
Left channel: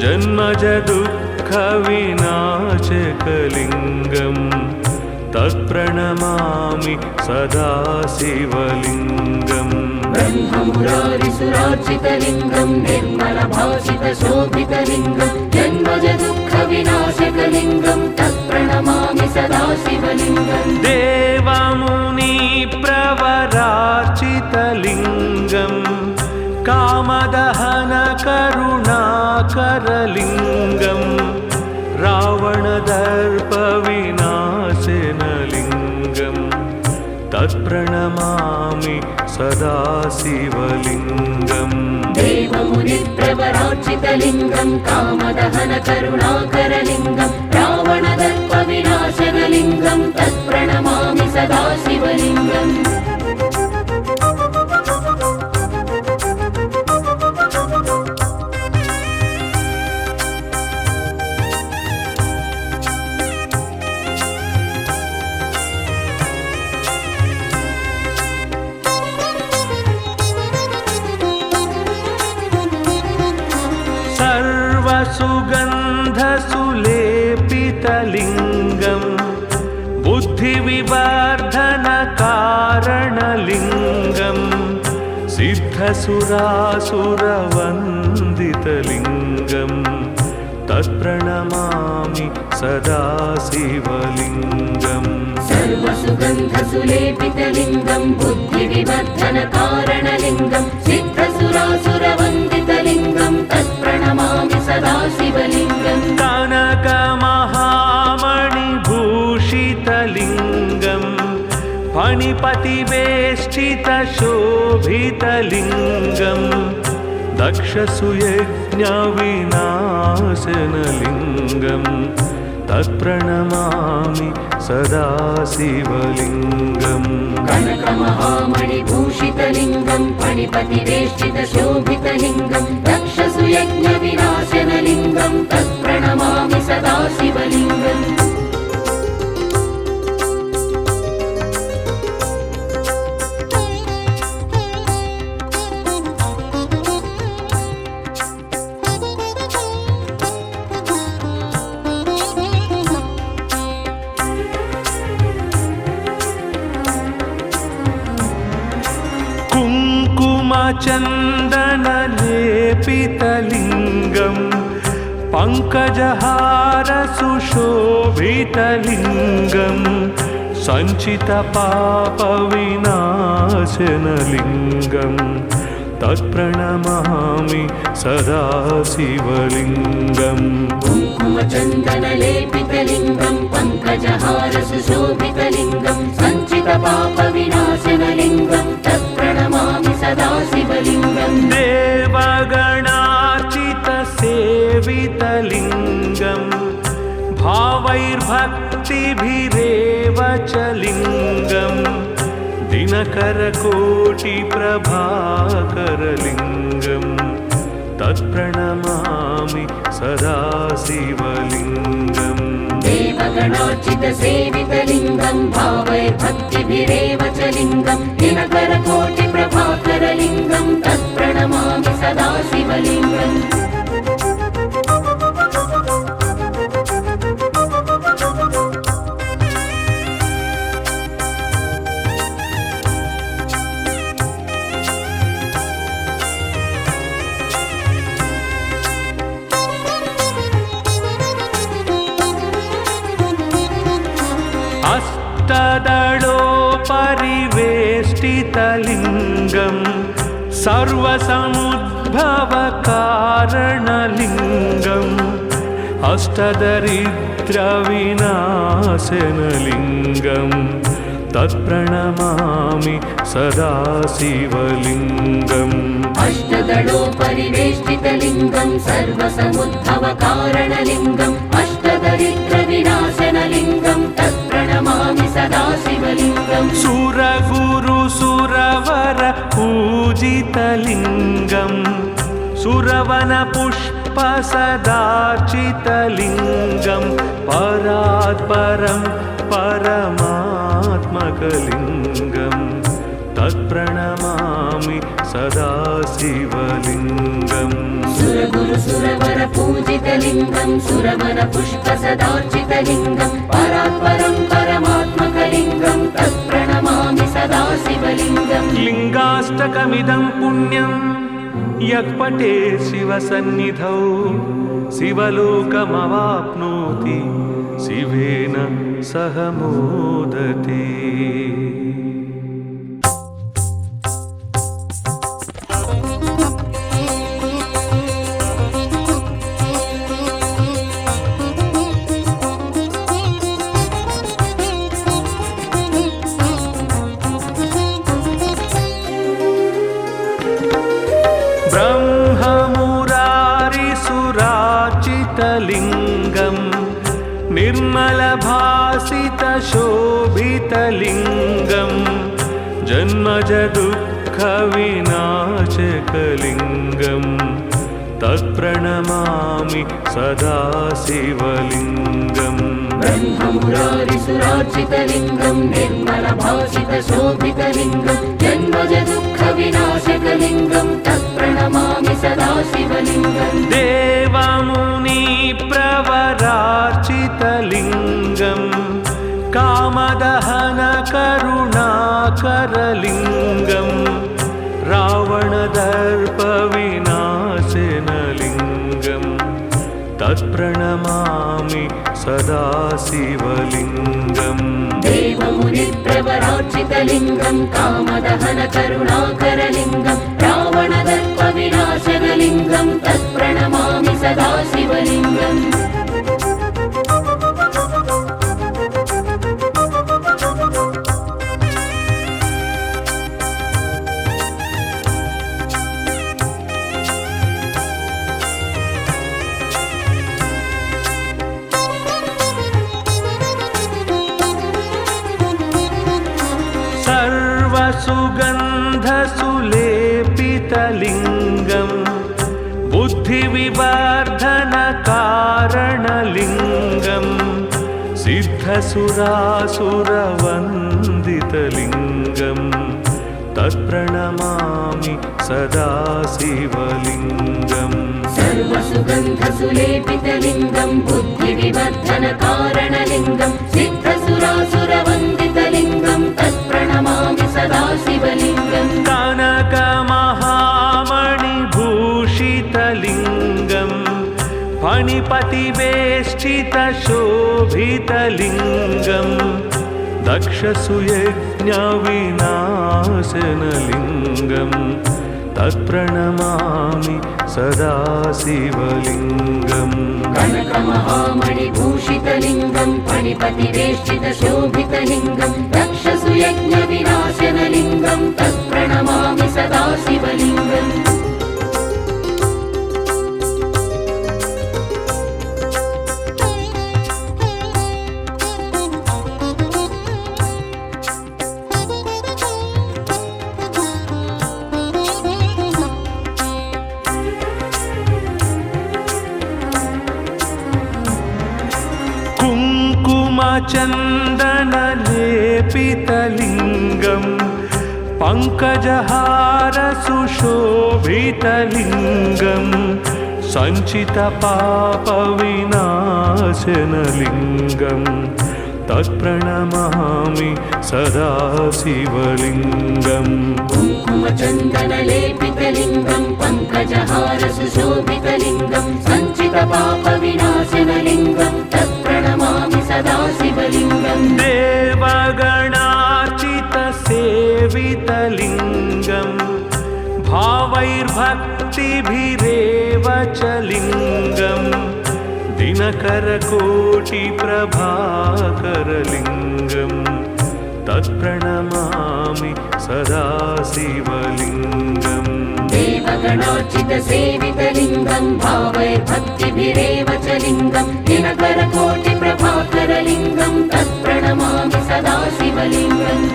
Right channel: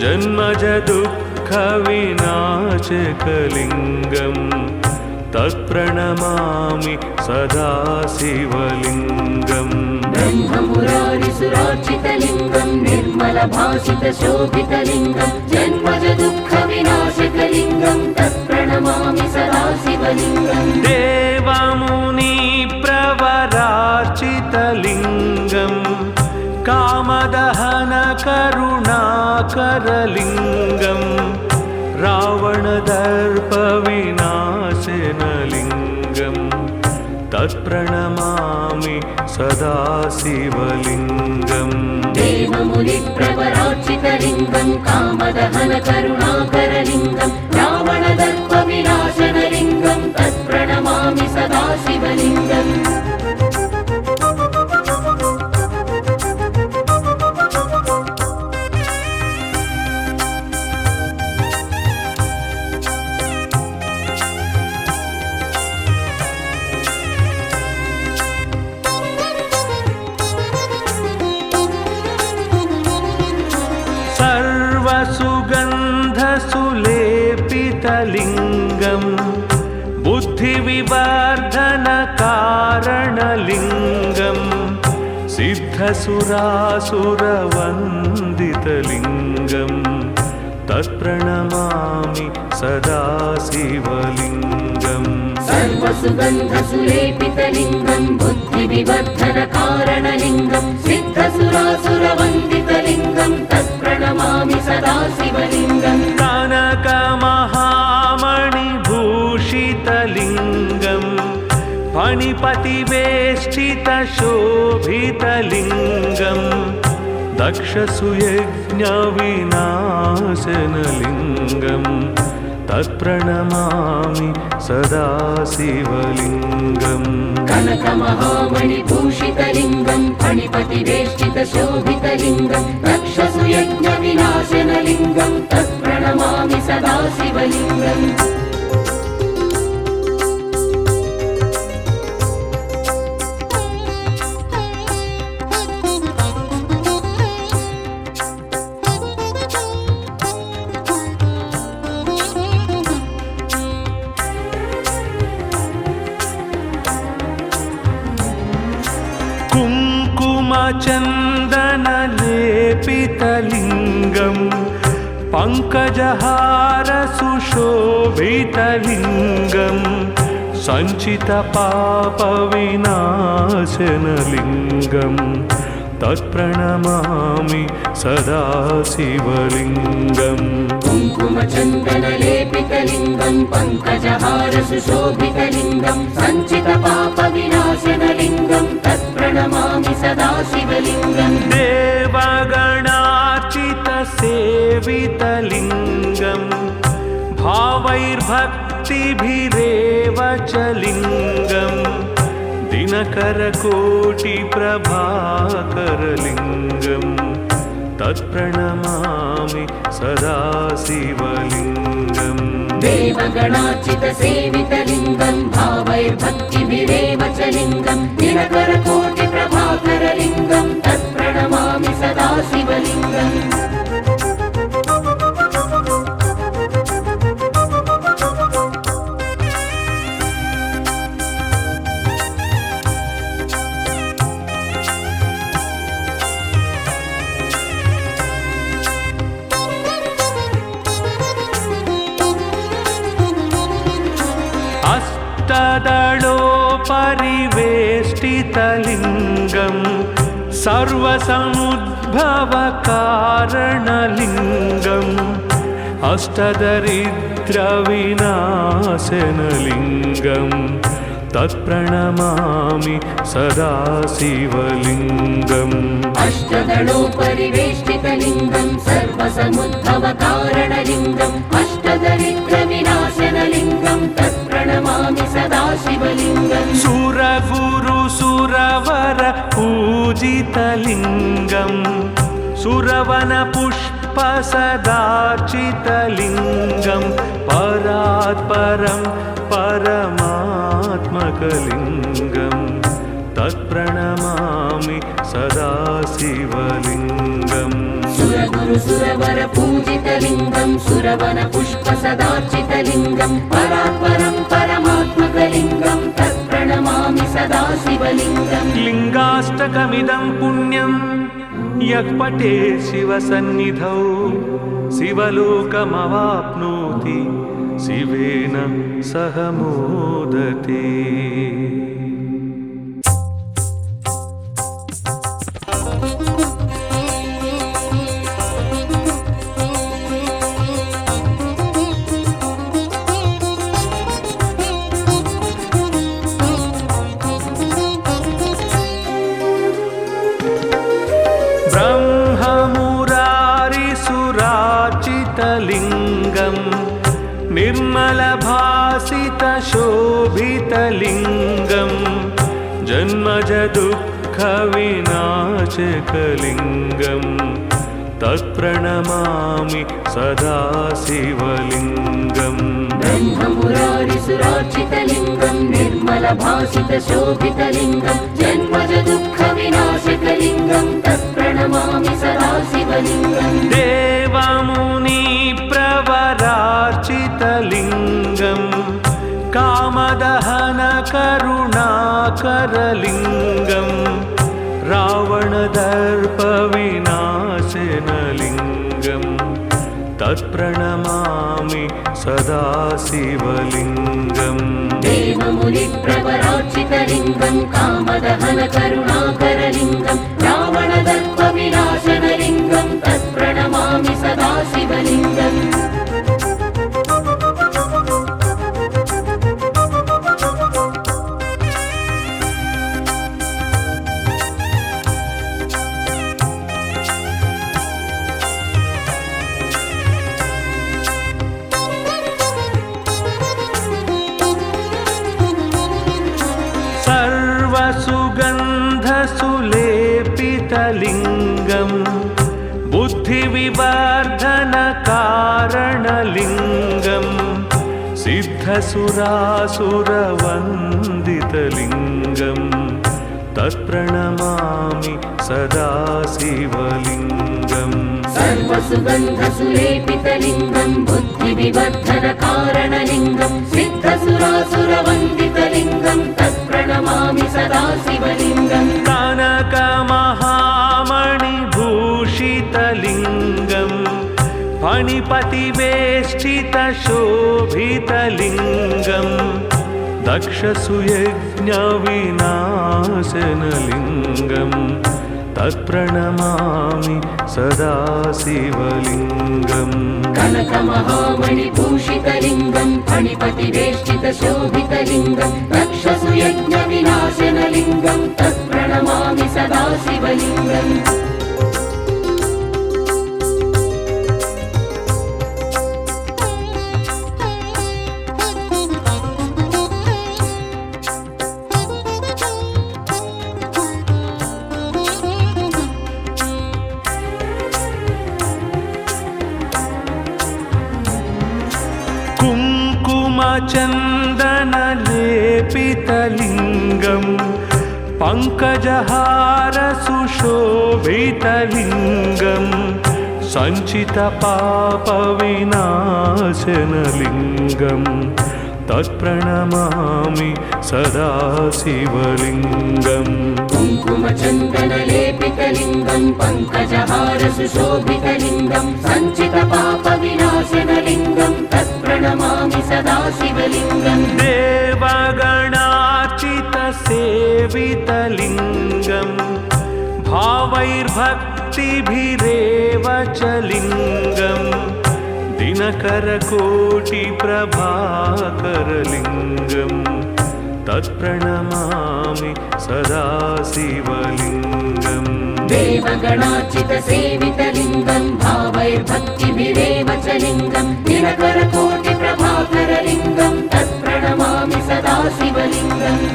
जन्मजदुःखविनाशकलिङ्गं तत्प्रणमामि सदा शिवलिङ्गम् ब्रह्ममुरारिसुरार्चितलिङ्गं निर्मलभासितशोभितलिङ्गं जन्मजदुःखविनाशकलिङ्गं तत्प्रणमामि सदा शिवलिङ्गम् देव पराजितलिङ्गं कामदहनकरुणाकरलिङ्गं रावणदर्पविनाशनलिङ्गं तत्प्रणमामि सदा शिवलिङ्गम् देवमुनिप्रवरार्चितलिङ्गं कामदहनकरुणाकरलिङ्गं रावणदर्पविनाशनलिङ्गं तत्प्रणमामि सदा शिवलिङ्गम् सर्वसुगन्धसुलेपितलिङ्गं बुद्धिविवर्धनकारणलिङ्गं सिद्धसुरासुरवन्दितलिङ्गं तत्प्रणमामि सदा शिवलिङ्गम् सर्वसुगन्धसुलेपितलिङ्गं बुद्धिविवर्धनकारणलिङ्गं सिद्धसुरासुरवन्दितलिङ्गं तत्प्रणमामि सदा शिवलिङ्गम् कनकमहामणिभूषितलिङ्गं फणिपतिवेष्टितशोभितलिङ्गं दक्षसुयज्ञविनाशनलिङ्गं तत्प्रणमामि सदा शिवलिङ्गम् कनकमहामणिभूषितलिङ्गं फणिपतिवेष्टितशोभितलिङ्गं दक्षसुयज्ञविनाशनलिङ्गं तत्प्रणमामि सदा शिवलिङ्गम् कुङ्कुमचन्दनलेपितलिङ्गं पङ्कजहारसुशोभितलिङ्गं सञ्चितपापविनाशनलिङ्गं तत्प्रणमामि सदा शिवलिङ्गम् कुङ्कुमचन्दनलेपितलिङ्गं पङ्कजहारसुशोभितलिङ्गं सञ्चितपापविनाशनलिङ्गं तत्प्रणमामि सदा शिवलिङ्गम् देवगणार्चितसेवितलिङ्गं भावैर्भक्तिभिरेव च लिङ्गं दिनकरकोटिप्रभाकरलिङ्गं तत्प्रणमामि सदा शिवलिङ्गम् देवगणार्चितसेवितलिङ्गं भावैर्भक्तिभिरेव च लिङ्गं दिनकरकोटिप्रभाकरलिङ्गं तत्प्रणमामि सदा शिवलिङ्गम् अष्टदलोपरिवेष्टितलिङ्गं सर्वसमुद्भवकारणलिङ्गम् अष्टदरिद्रविनाशनलिङ्गं तत्प्रणमामि सदा शिवलिङ्गम् अष्टदलोपरिवेष्टितलिङ्गं सर्वसमुद्भवकारणलिङ्गम् अष्टदरिद्रविनाशनलिङ्गं तत्प्रणमामि सदा शिवलिङ्गम् सुरगुरुसुरवर पूजितलिङ्गं सुरवनपुष्पसदार्चितलिङ्गं परात्परं परमात्मकलिङ्गं तत्प्रणमामि सदा शिवलिङ्गम् सुरगुरुसुरवर पूजितलिङ्गं सुरवनपुष्पसदार्चितलिङ्गं परात्परं परमात्मकलिङ्गं तत्प्रणमामि सदा शिवलिङ्गम् लिङ्गाष्टकमिदं पुण्यं यः पठेत् शिवसन्निधौ शिवलोकमवाप्नोति शिवेन सह मोदते। भासितलिङ्गम् निर्मलभासितशोभितलिङ्गम् जन्मज दुःखविनाशकलिङ्गम् तत्प्रणमामि सदा शिवलिङ्गम् ब्रह्ममुरारिसुरार्चितलिङ्गम् निर्मलभासितशोभितलिङ्गम् जन्मज दुःखविनाशकलिङ्गम् तत्प्रणमामि सदा शिवलिङ्गम् देवमुनिप्रवरार्चितलिङ्गम् कामदहनकरुणाकरलिङ्गम् रावणदर्पविनाशनलिङ्गम् तत्प्रणमामि सदा शिवलिङ्गम् देवमुनिप्रवरार्चितलिङ्गम् कामदहनकरुणाकरलिङ्गम् रावणदर्पविनाशनलिङ्गम् तत्प्रणमामि सदा शिवलिङ्गम् सर्वसुगन्धसुलेपितलिङ्गम् बुद्धिविवर्धनकारणलिङ्गम् सिद्धसुरासुरवन्दितलिङ्गम् तत्प्रणमामि सदा शिवलिङ्गम् सर्वसुगन्धसुलेपितलिङ्गम् बुद्धिविवर्धनकारणलिङ्गम् सिद्धसुरासुरवन्दितलिङ्गम् तत्प्रणमामि सदा शिवलिङ्गम् कनकमहामणिभूषितलिङ्गम् फणिपतिवेष्टितशोभितलिङ्गम् दक्षसुयज्ञविनाशनलिङ्गम् तत्प्रणमामि सदा शिवलिङ्गम् कनकमहामणिभूषितलिङ्गम् फणिपतिवेष्टितशोभितलिङ्गम् दक्षसुयज्ञविनाशनलिङ्गम् तत्प्रणमामि सदा शिवलिङ्गम् कुङ्कुमचन्दनलेपितलिङ्गम् पङ्कजहारसुशोभितलिङ्गम् सञ्चितपापविनाशनलिङ्गम् तत्प्रणमामि सदा शिवलिङ्गम् कुङ्कुमचन्दनलेपितलिङ्गम् पङ्कजहारसुशोभितलिङ्गम् सञ्चितपापविनाशनलिङ्गम् तत्प्रणमामि सदा शिवलिङ्गम् देवगणार्चितसेवितलिङ्गम् भावैर्भक्तिभिरेव च लिङ्गम् दिनकरकोटिप्रभाकरलिङ्गम् तत्प्रणमामि सदा शिवलिङ्गम् देवगणार्चितसेवितलिङ्गम् भावैर्भक्तिभिरेव च लिङ्गम् दिनकरकोटिप्रभाकरलिङ्गम् तत्प्रणमामि सदा शिवलिङ्गम्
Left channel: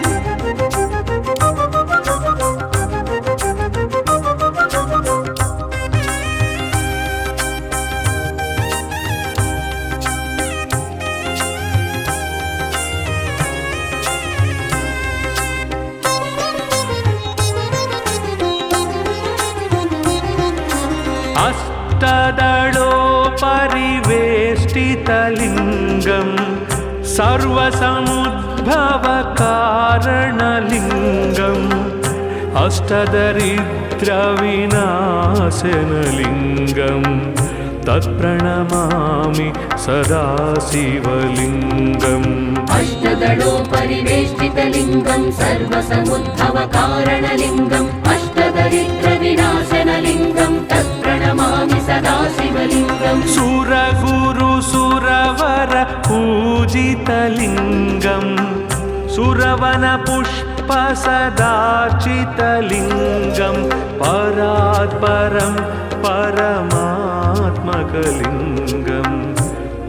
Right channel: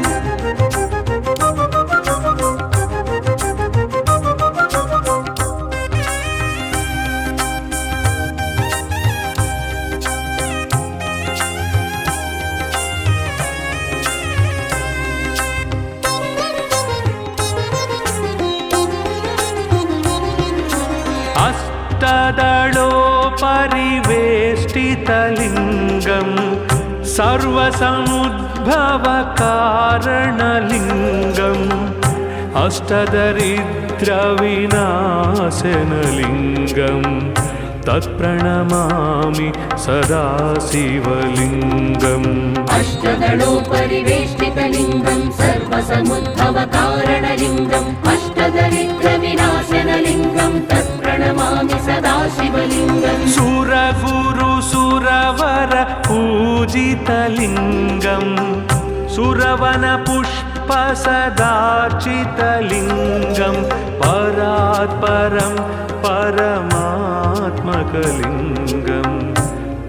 अष्टदलोपरिवेष्टितलिङ्गम् सर्वसमुद्भवकारणलिङ्गम् अष्टदरिद्रविनाशनलिङ्गम् तत्प्रणमामि सदा शिवलिङ्गम् अष्टदलोपरिवेष्टितलिङ्गम् सर्वसमुद्भवकारणलिङ्गम् अष्टदरिद्रविनाशनलिङ्गम् तत्प्रणमामि सदा शिवलिङ्गम् सुरगुरुसुरवर पूजितलिङ्गम् सुरवनपुष्पसदार्चितलिङ्गम् परात् परं परमात्मकलिङ्गं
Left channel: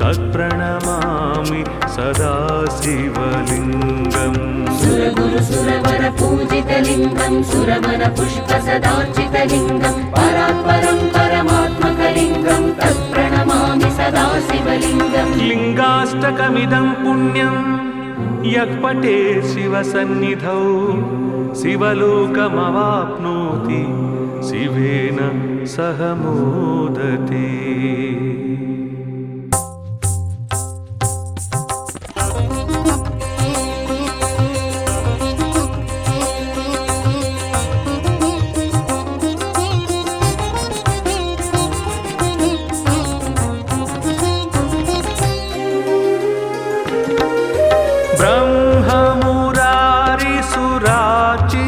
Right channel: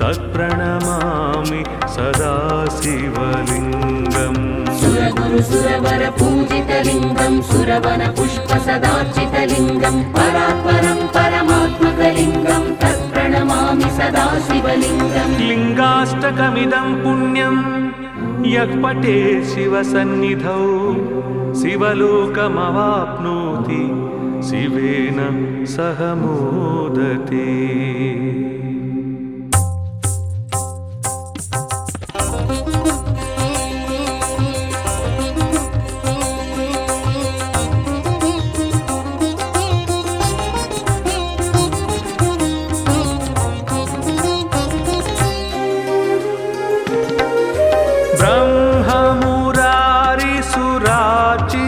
तत्प्रणमामि सदा शिवलिङ्गम् सुरगुरु सुरवर पूजितलिङ्गं सुरवन पुष्प सदार्चितलिङ्गं परात्परं परमात्मकलिङ्गं तत्प्रणमामि सदा शिवलिङ्गम् लिङ्गाष्टकमिदं पुण्यं यः पठेत् शिवसन्निधौ शिवलोकमवाप्नोति शिवेन सह मोदते।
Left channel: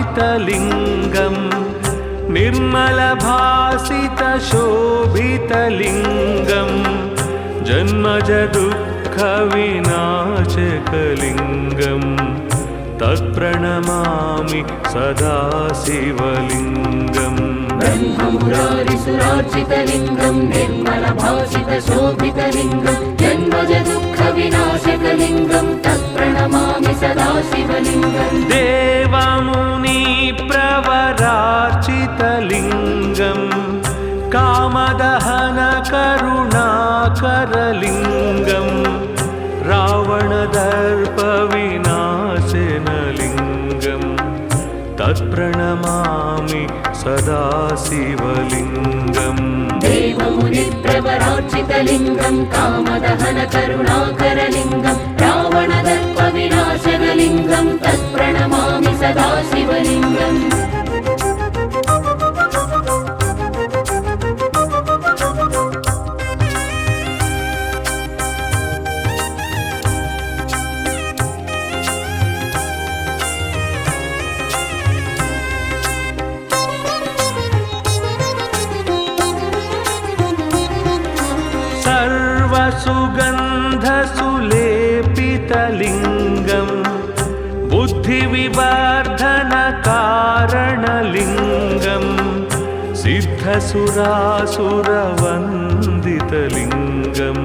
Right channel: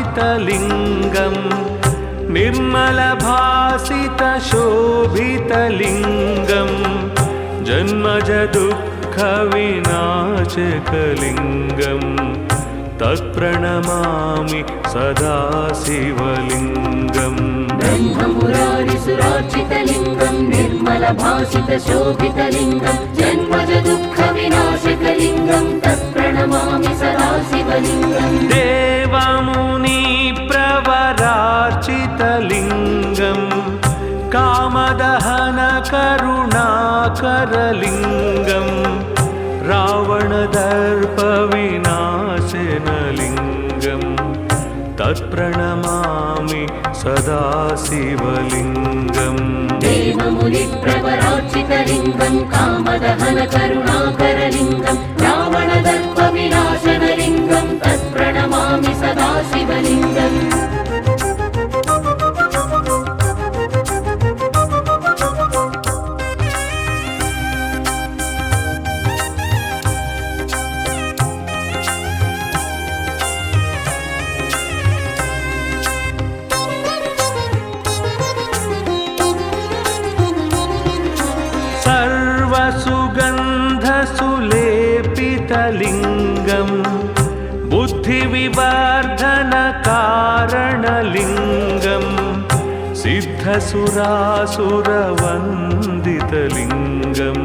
ब्रह्ममुरारिसुरार्चितलिङ्गं निर्मलभासितशोभितलिङ्गं जन्मजदुःखविनाशकलिङ्गं तत्प्रणमामि सदा शिवलिङ्गम् ब्रह्ममुरारिसुरार्चितलिङ्गं निर्मलभासितशोभितलिङ्गं जन्मजदुःखविनाशकलिङ्गं तत्प्रणमामि सदा शिवलिङ्गम् देवमुनिप्रवरार्चितलिङ्गं कामदहनकरुणाकरलिङ्गं रावणदर्पविनाशनलिङ्गं तत्प्रणमामि सदा शिवलिङ्गम् देवमुनिप्रवरार्चितलिङ्गं कामदहनकरुणाकरलिङ्गं रावणदर्पविनाशनलिङ्गं तत्प्रणमामि सदा शिवलिङ्गम् सर्वसुगन्धसुलेपितलिङ्गं बुद्धिविवर्धनकारणलिङ्गं सिद्धसुरासुरवन्दितलिङ्गं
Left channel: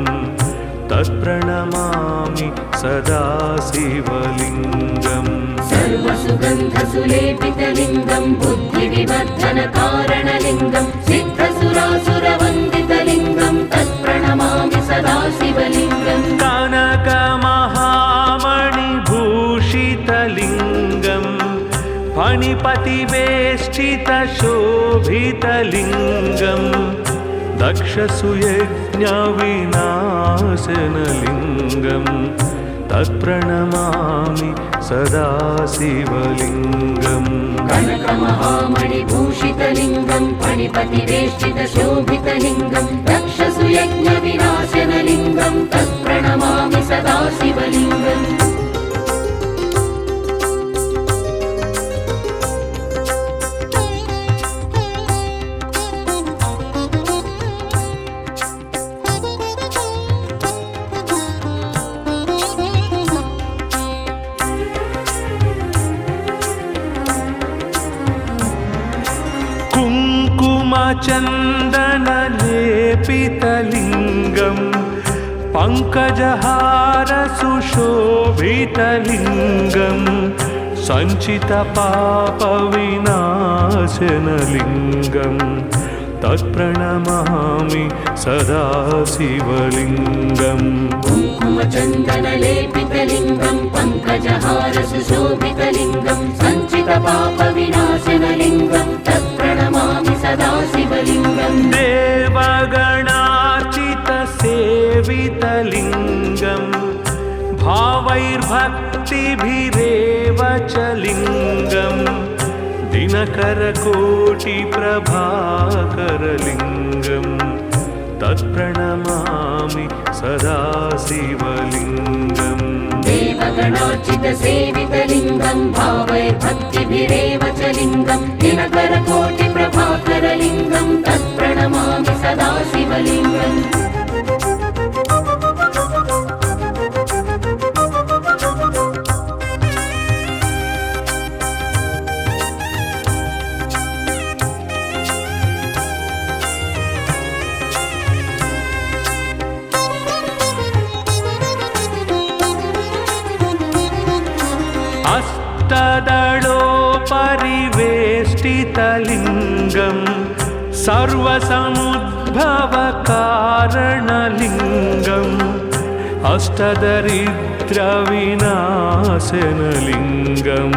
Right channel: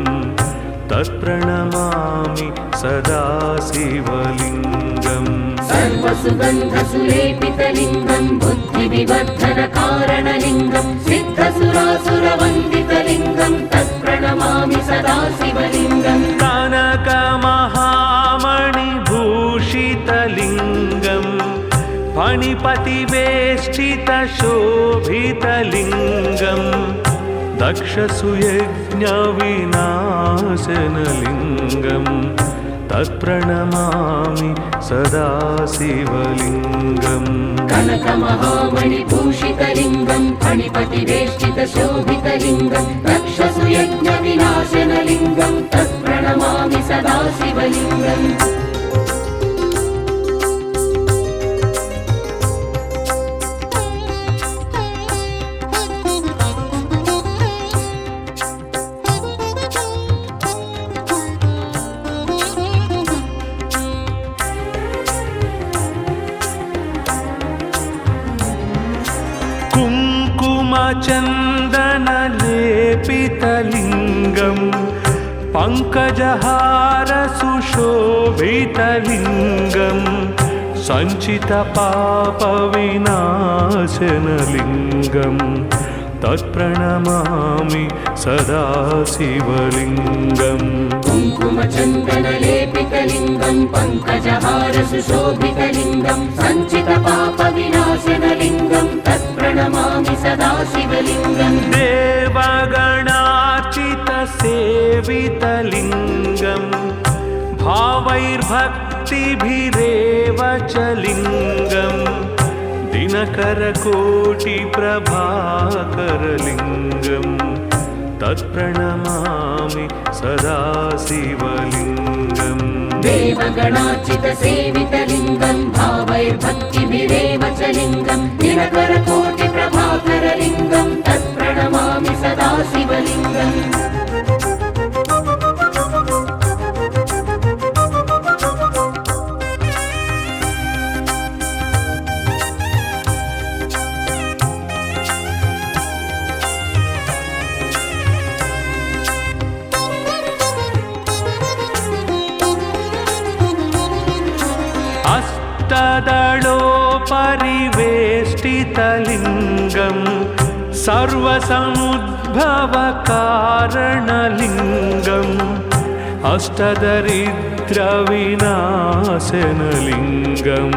तत्प्रणमामि सदा शिवलिङ्गम् सर्वसुगन्धसुलेपितलिङ्गं बुद्धिविवर्धनकारणलिङ्गं सिद्धसुरासुरवन्दितलिङ्गं तत्प्रणमामि सदा शिवलिङ्गम् कनकमहामणिभूषितलिङ्गं फणिपतिवेष्टितशोभितलिङ्गं दक्षसुयज्ञविनाशनलिङ्गं तत्प्रणमामि सदा शिवलिङ्गम् कनकमहामणिभूषितलिङ्गं फणिपतिवेष्टितशोभितलिङ्गं दक्षसुयज्ञविनाशनलिङ्गं तत्प्रणमामि सदा शिवलिङ्गम् कुङ्कुमचन्दनलेपितलिङ्गं पङ्कजहारसुशोभितलिङ्गं सञ्चितपापविनाशनलिङ्गं तत्प्रणमामि सदा शिवलिङ्गम् कुङ्कुमचन्दनलेपितलिङ्गं पङ्कजहारसुशोभितलिङ्गं सञ्चितपापविनाशनलिङ्गं तत्प्रणमामि सदा शिवलिङ्गम् देवगणार्चितसेवितलिङ्गं भावैर्भक्तिभिरेव च लिङ्गं दिनकरकोटिप्रभाकरलिङ्गं तत्प्रणमामि सदा शिवलिङ्गम् देवगणार्चितसेवितलिङ्गं भावैर्भक्तिभिरेव च लिङ्गं दिनकरकोटिप्रभाकरलिङ्गं तत्प्रणमामि सदा शिवलिङ्गम् अष्टदलोपरिवेष्टितलिङ्गं सर्वसमुद्भवकारणलिङ्गम् अष्टदरिद्रविनाशनलिङ्गं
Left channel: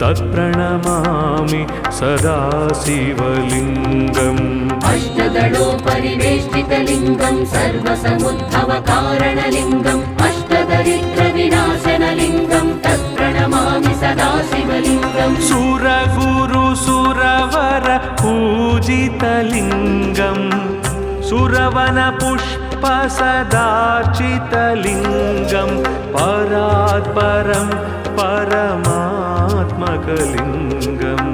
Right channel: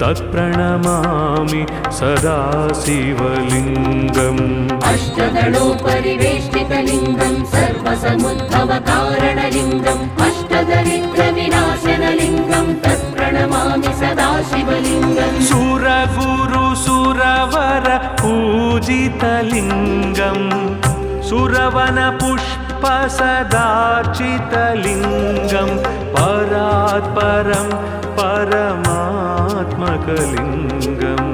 तत्प्रणमामि सदा शिवलिङ्गम् अष्टदलोपरिवेष्टितलिङ्गं सर्वसमुद्भवकारणलिङ्गम् अष्टदरिद्रविनाशनलिङ्गं तत्प्रणमामि सदा शिवलिङ्गम् सुरगुरुसुरवर पूजितलिङ्गं सुरवनपुष्पसदार्चितलिङ्गं परात्परं परमात्मकलिङ्गं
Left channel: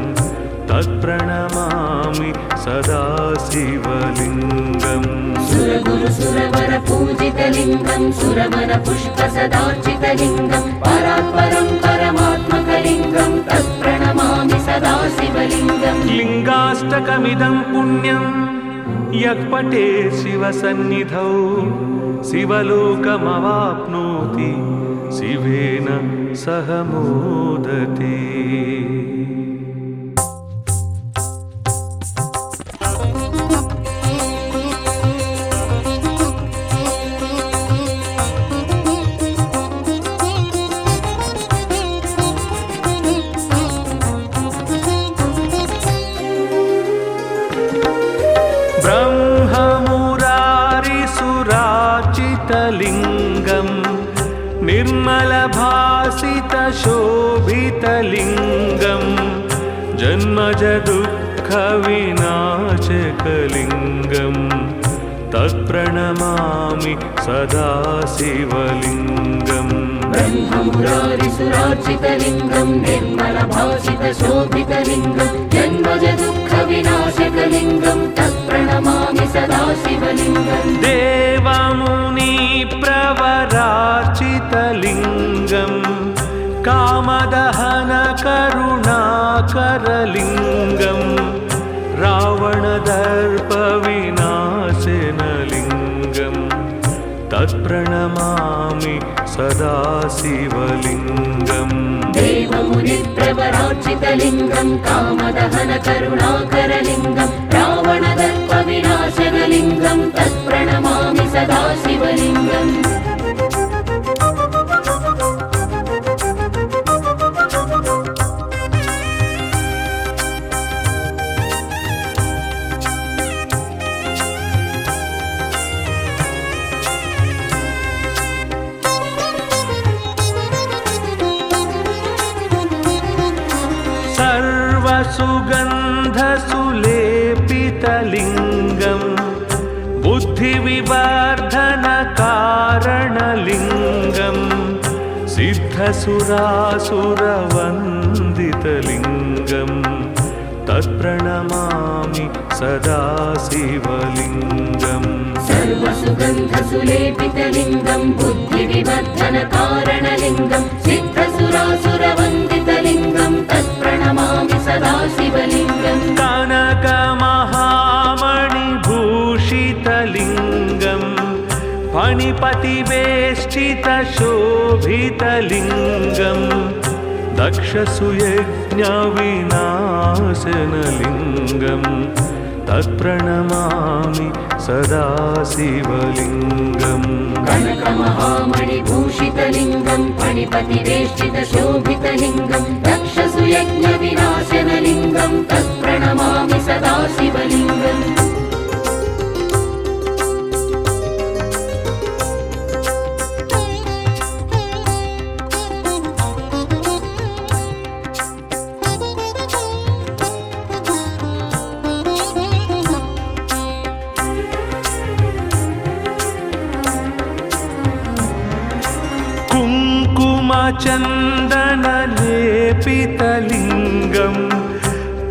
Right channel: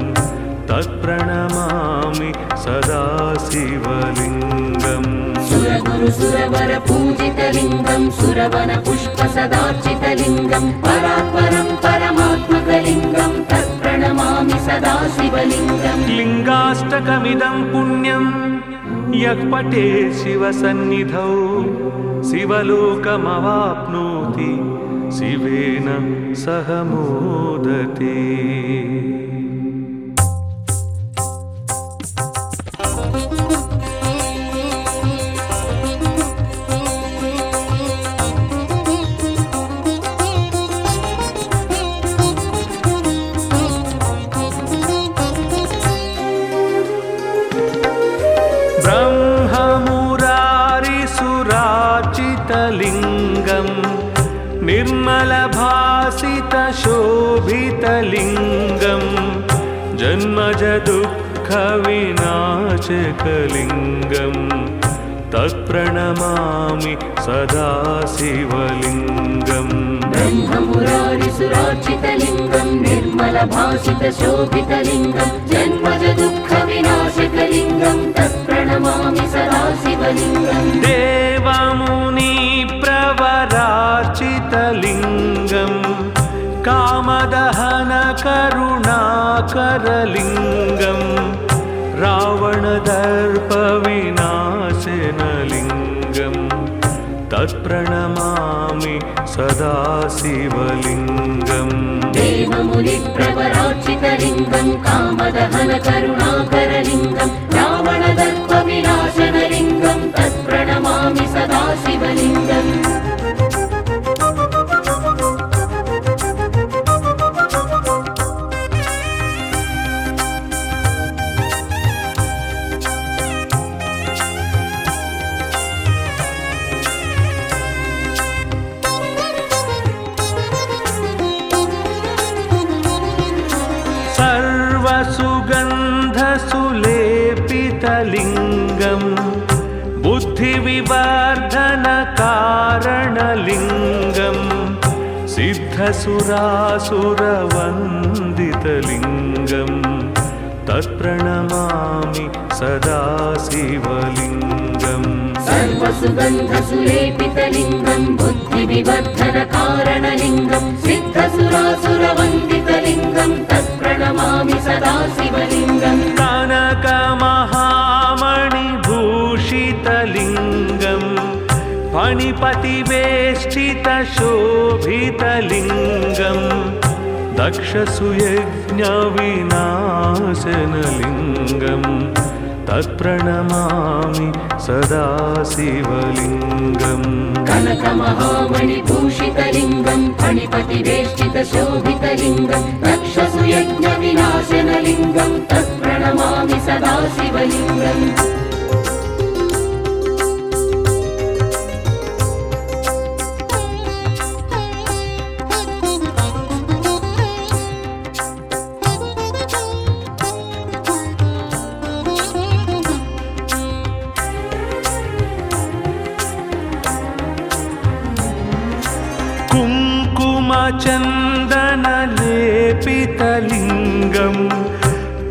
तत्प्रणमामि सदा शिवलिङ्गम् सुरगुरुसुरवर पूजितलिङ्गं सुरवनपुष्पसदार्चितलिङ्गं परात्परं परमात्मकलिङ्गं तत्प्रणमामि सदा शिवलिङ्गम् लिङ्गाष्टकमिदं पुण्यं यः पठेत् शिवसन्निधौ शिवलोकमवाप्नोति शिवेन सह मोदते। ब्रह्ममुरारिसुरार्चितलिङ्गं निर्मलभासितशोभितलिङ्गं जन्मजदुःखविनाशकलिङ्गं तत्प्रणमामि सदा शिवलिङ्गम् ब्रह्ममुरारिसुरार्चितलिङ्गं निर्मलभासितशोभितलिङ्गं जन्मजदुःखविनाशकलिङ्गं तत्प्रणमामि सदा शिवलिङ्गम् देवमुनिप्रवरार्चितलिङ्गं कामदहनकरुणाकरलिङ्गं रावणदर्पविनाशनलिङ्गं तत्प्रणमामि सदा शिवलिङ्गम् देवमुनिप्रवरार्चितलिङ्गं कामदहनकरुणाकरलिङ्गं रावणदर्पविनाशनलिङ्गं तत्प्रणमामि सदा शिवलिङ्गम् सर्वसुगन्धसुलेपितलिङ्गं बुद्धिविवर्धनकारणलिङ्गं सिद्धसुरासुरवन्दितलिङ्गं तत्प्रणमामि सदा शिवलिङ्गम् सर्वसुगन्धसुलेपितलिङ्गं बुद्धिविवर्धनकारणलिङ्गं सिद्धसुरासुरवन्दितलिङ्गं तत्प्रणमामि सदा शिवलिङ्गम् कनकमहामणिभूषितलिङ्गं फणिपतिवेष्टितशोभितलिङ्गं दक्षसुयज्ञविनाशनलिङ्गं तत्प्रणमामि सदा शिवलिङ्गम् कनकमहामणिभूषितलिङ्गं फणिपतिवेष्टितशोभितलिङ्गं दक्षसुयज्ञविनाशनलिङ्गं तत्प्रणमामि सदा शिवलिङ्गम् कुङ्कुमचन्दनलेपितलिङ्गं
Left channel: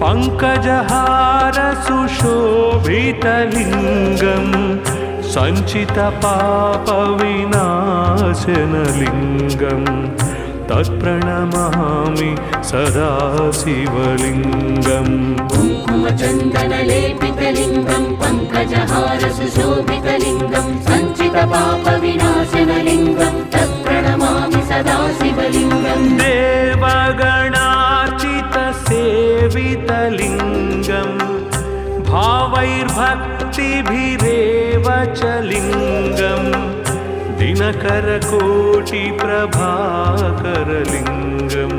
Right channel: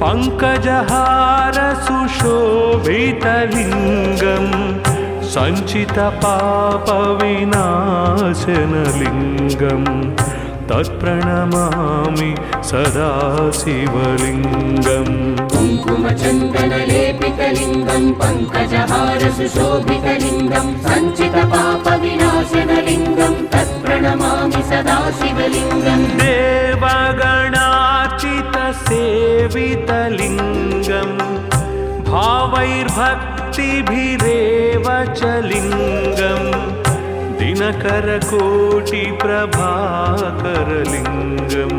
पङ्कजहारसुशोभितलिङ्गं सञ्चितपापविनाशनलिङ्गं तत्प्रणमामि सदा शिवलिङ्गम् कुङ्कुमचन्दनलेपितलिङ्गं पङ्कजहारसुशोभितलिङ्गं सञ्चितपापविनाशनलिङ्गं तत्प्रणमामि सदा शिवलिङ्गम् देवगण सेवितलिङ्गं भावैर्भक्तिभिरेव च लिङ्गं दिनकरकोटिप्रभाकरलिङ्गं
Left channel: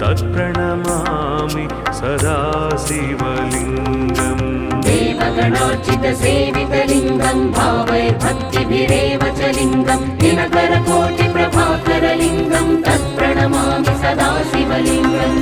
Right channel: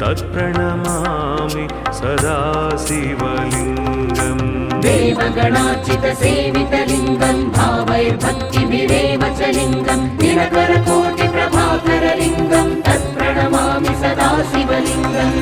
तत्प्रणमामि सदा शिवलिङ्गम् देवगणार्चितसेवितलिङ्गं भावैर्भक्तिभिरेव च लिङ्गं दिनकरकोटिप्रभाकरलिङ्गं तत्प्रणमामि सदा शिवलिङ्गम्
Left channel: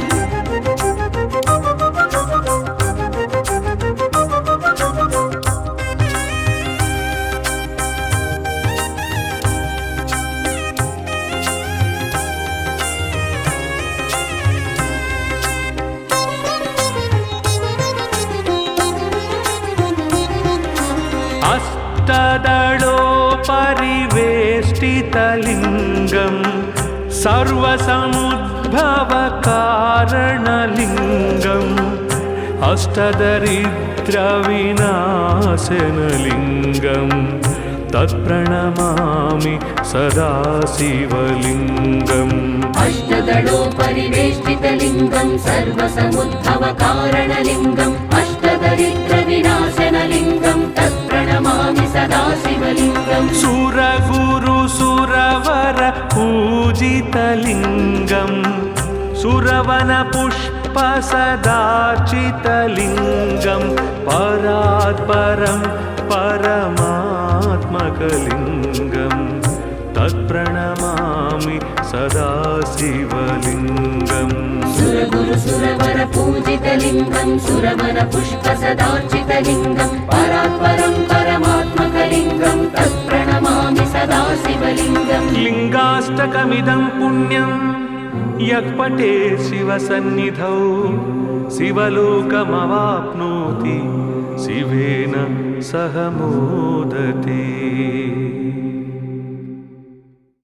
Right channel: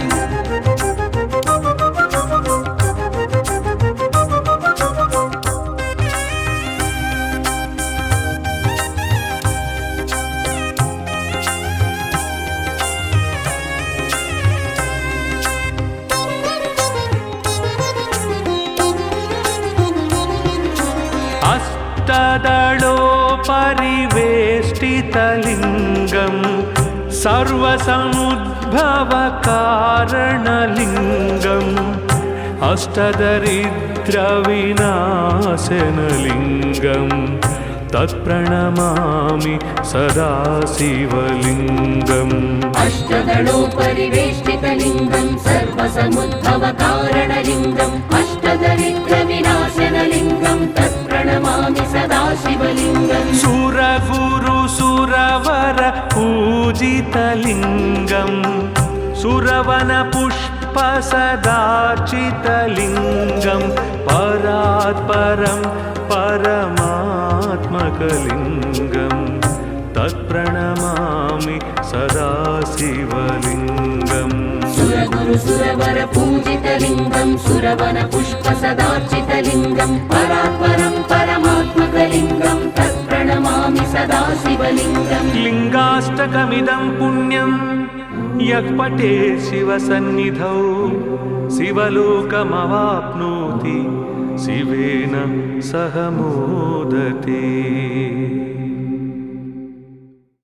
अष्टदलोपरिवेष्टितलिङ्गं सर्वसमुद्भवकारणलिङ्गम् अष्टदरिद्रविनाशनलिङ्गं तत्प्रणमामि सदा शिवलिङ्गम् अष्टदलोपरिवेष्टितलिङ्गं सर्वसमुद्भवकारणलिङ्गम् अष्टदरिद्रविनाशनलिङ्गं तत्प्रणमामि सदा शिवलिङ्गम् सुरगुरुसुरवर पूजितलिङ्गं सुरवनपुष्पसदार्चितलिङ्गं परात्परं परमात्मकलिङ्गं तत्प्रणमामि सदा शिवलिङ्गम् सुरगुरुसुरवर पूजितलिङ्गं सुरवनपुष्पसदार्चितलिङ्गं परात्परं परमात्मकलिङ्गं तत्प्रणमामि सदा शिवलिङ्गम् लिङ्गाष्टकमिदं पुण्यं यः पठेत् शिवसन्निधौ शिवलोकमवाप्नोति शिवेन सह मोदते।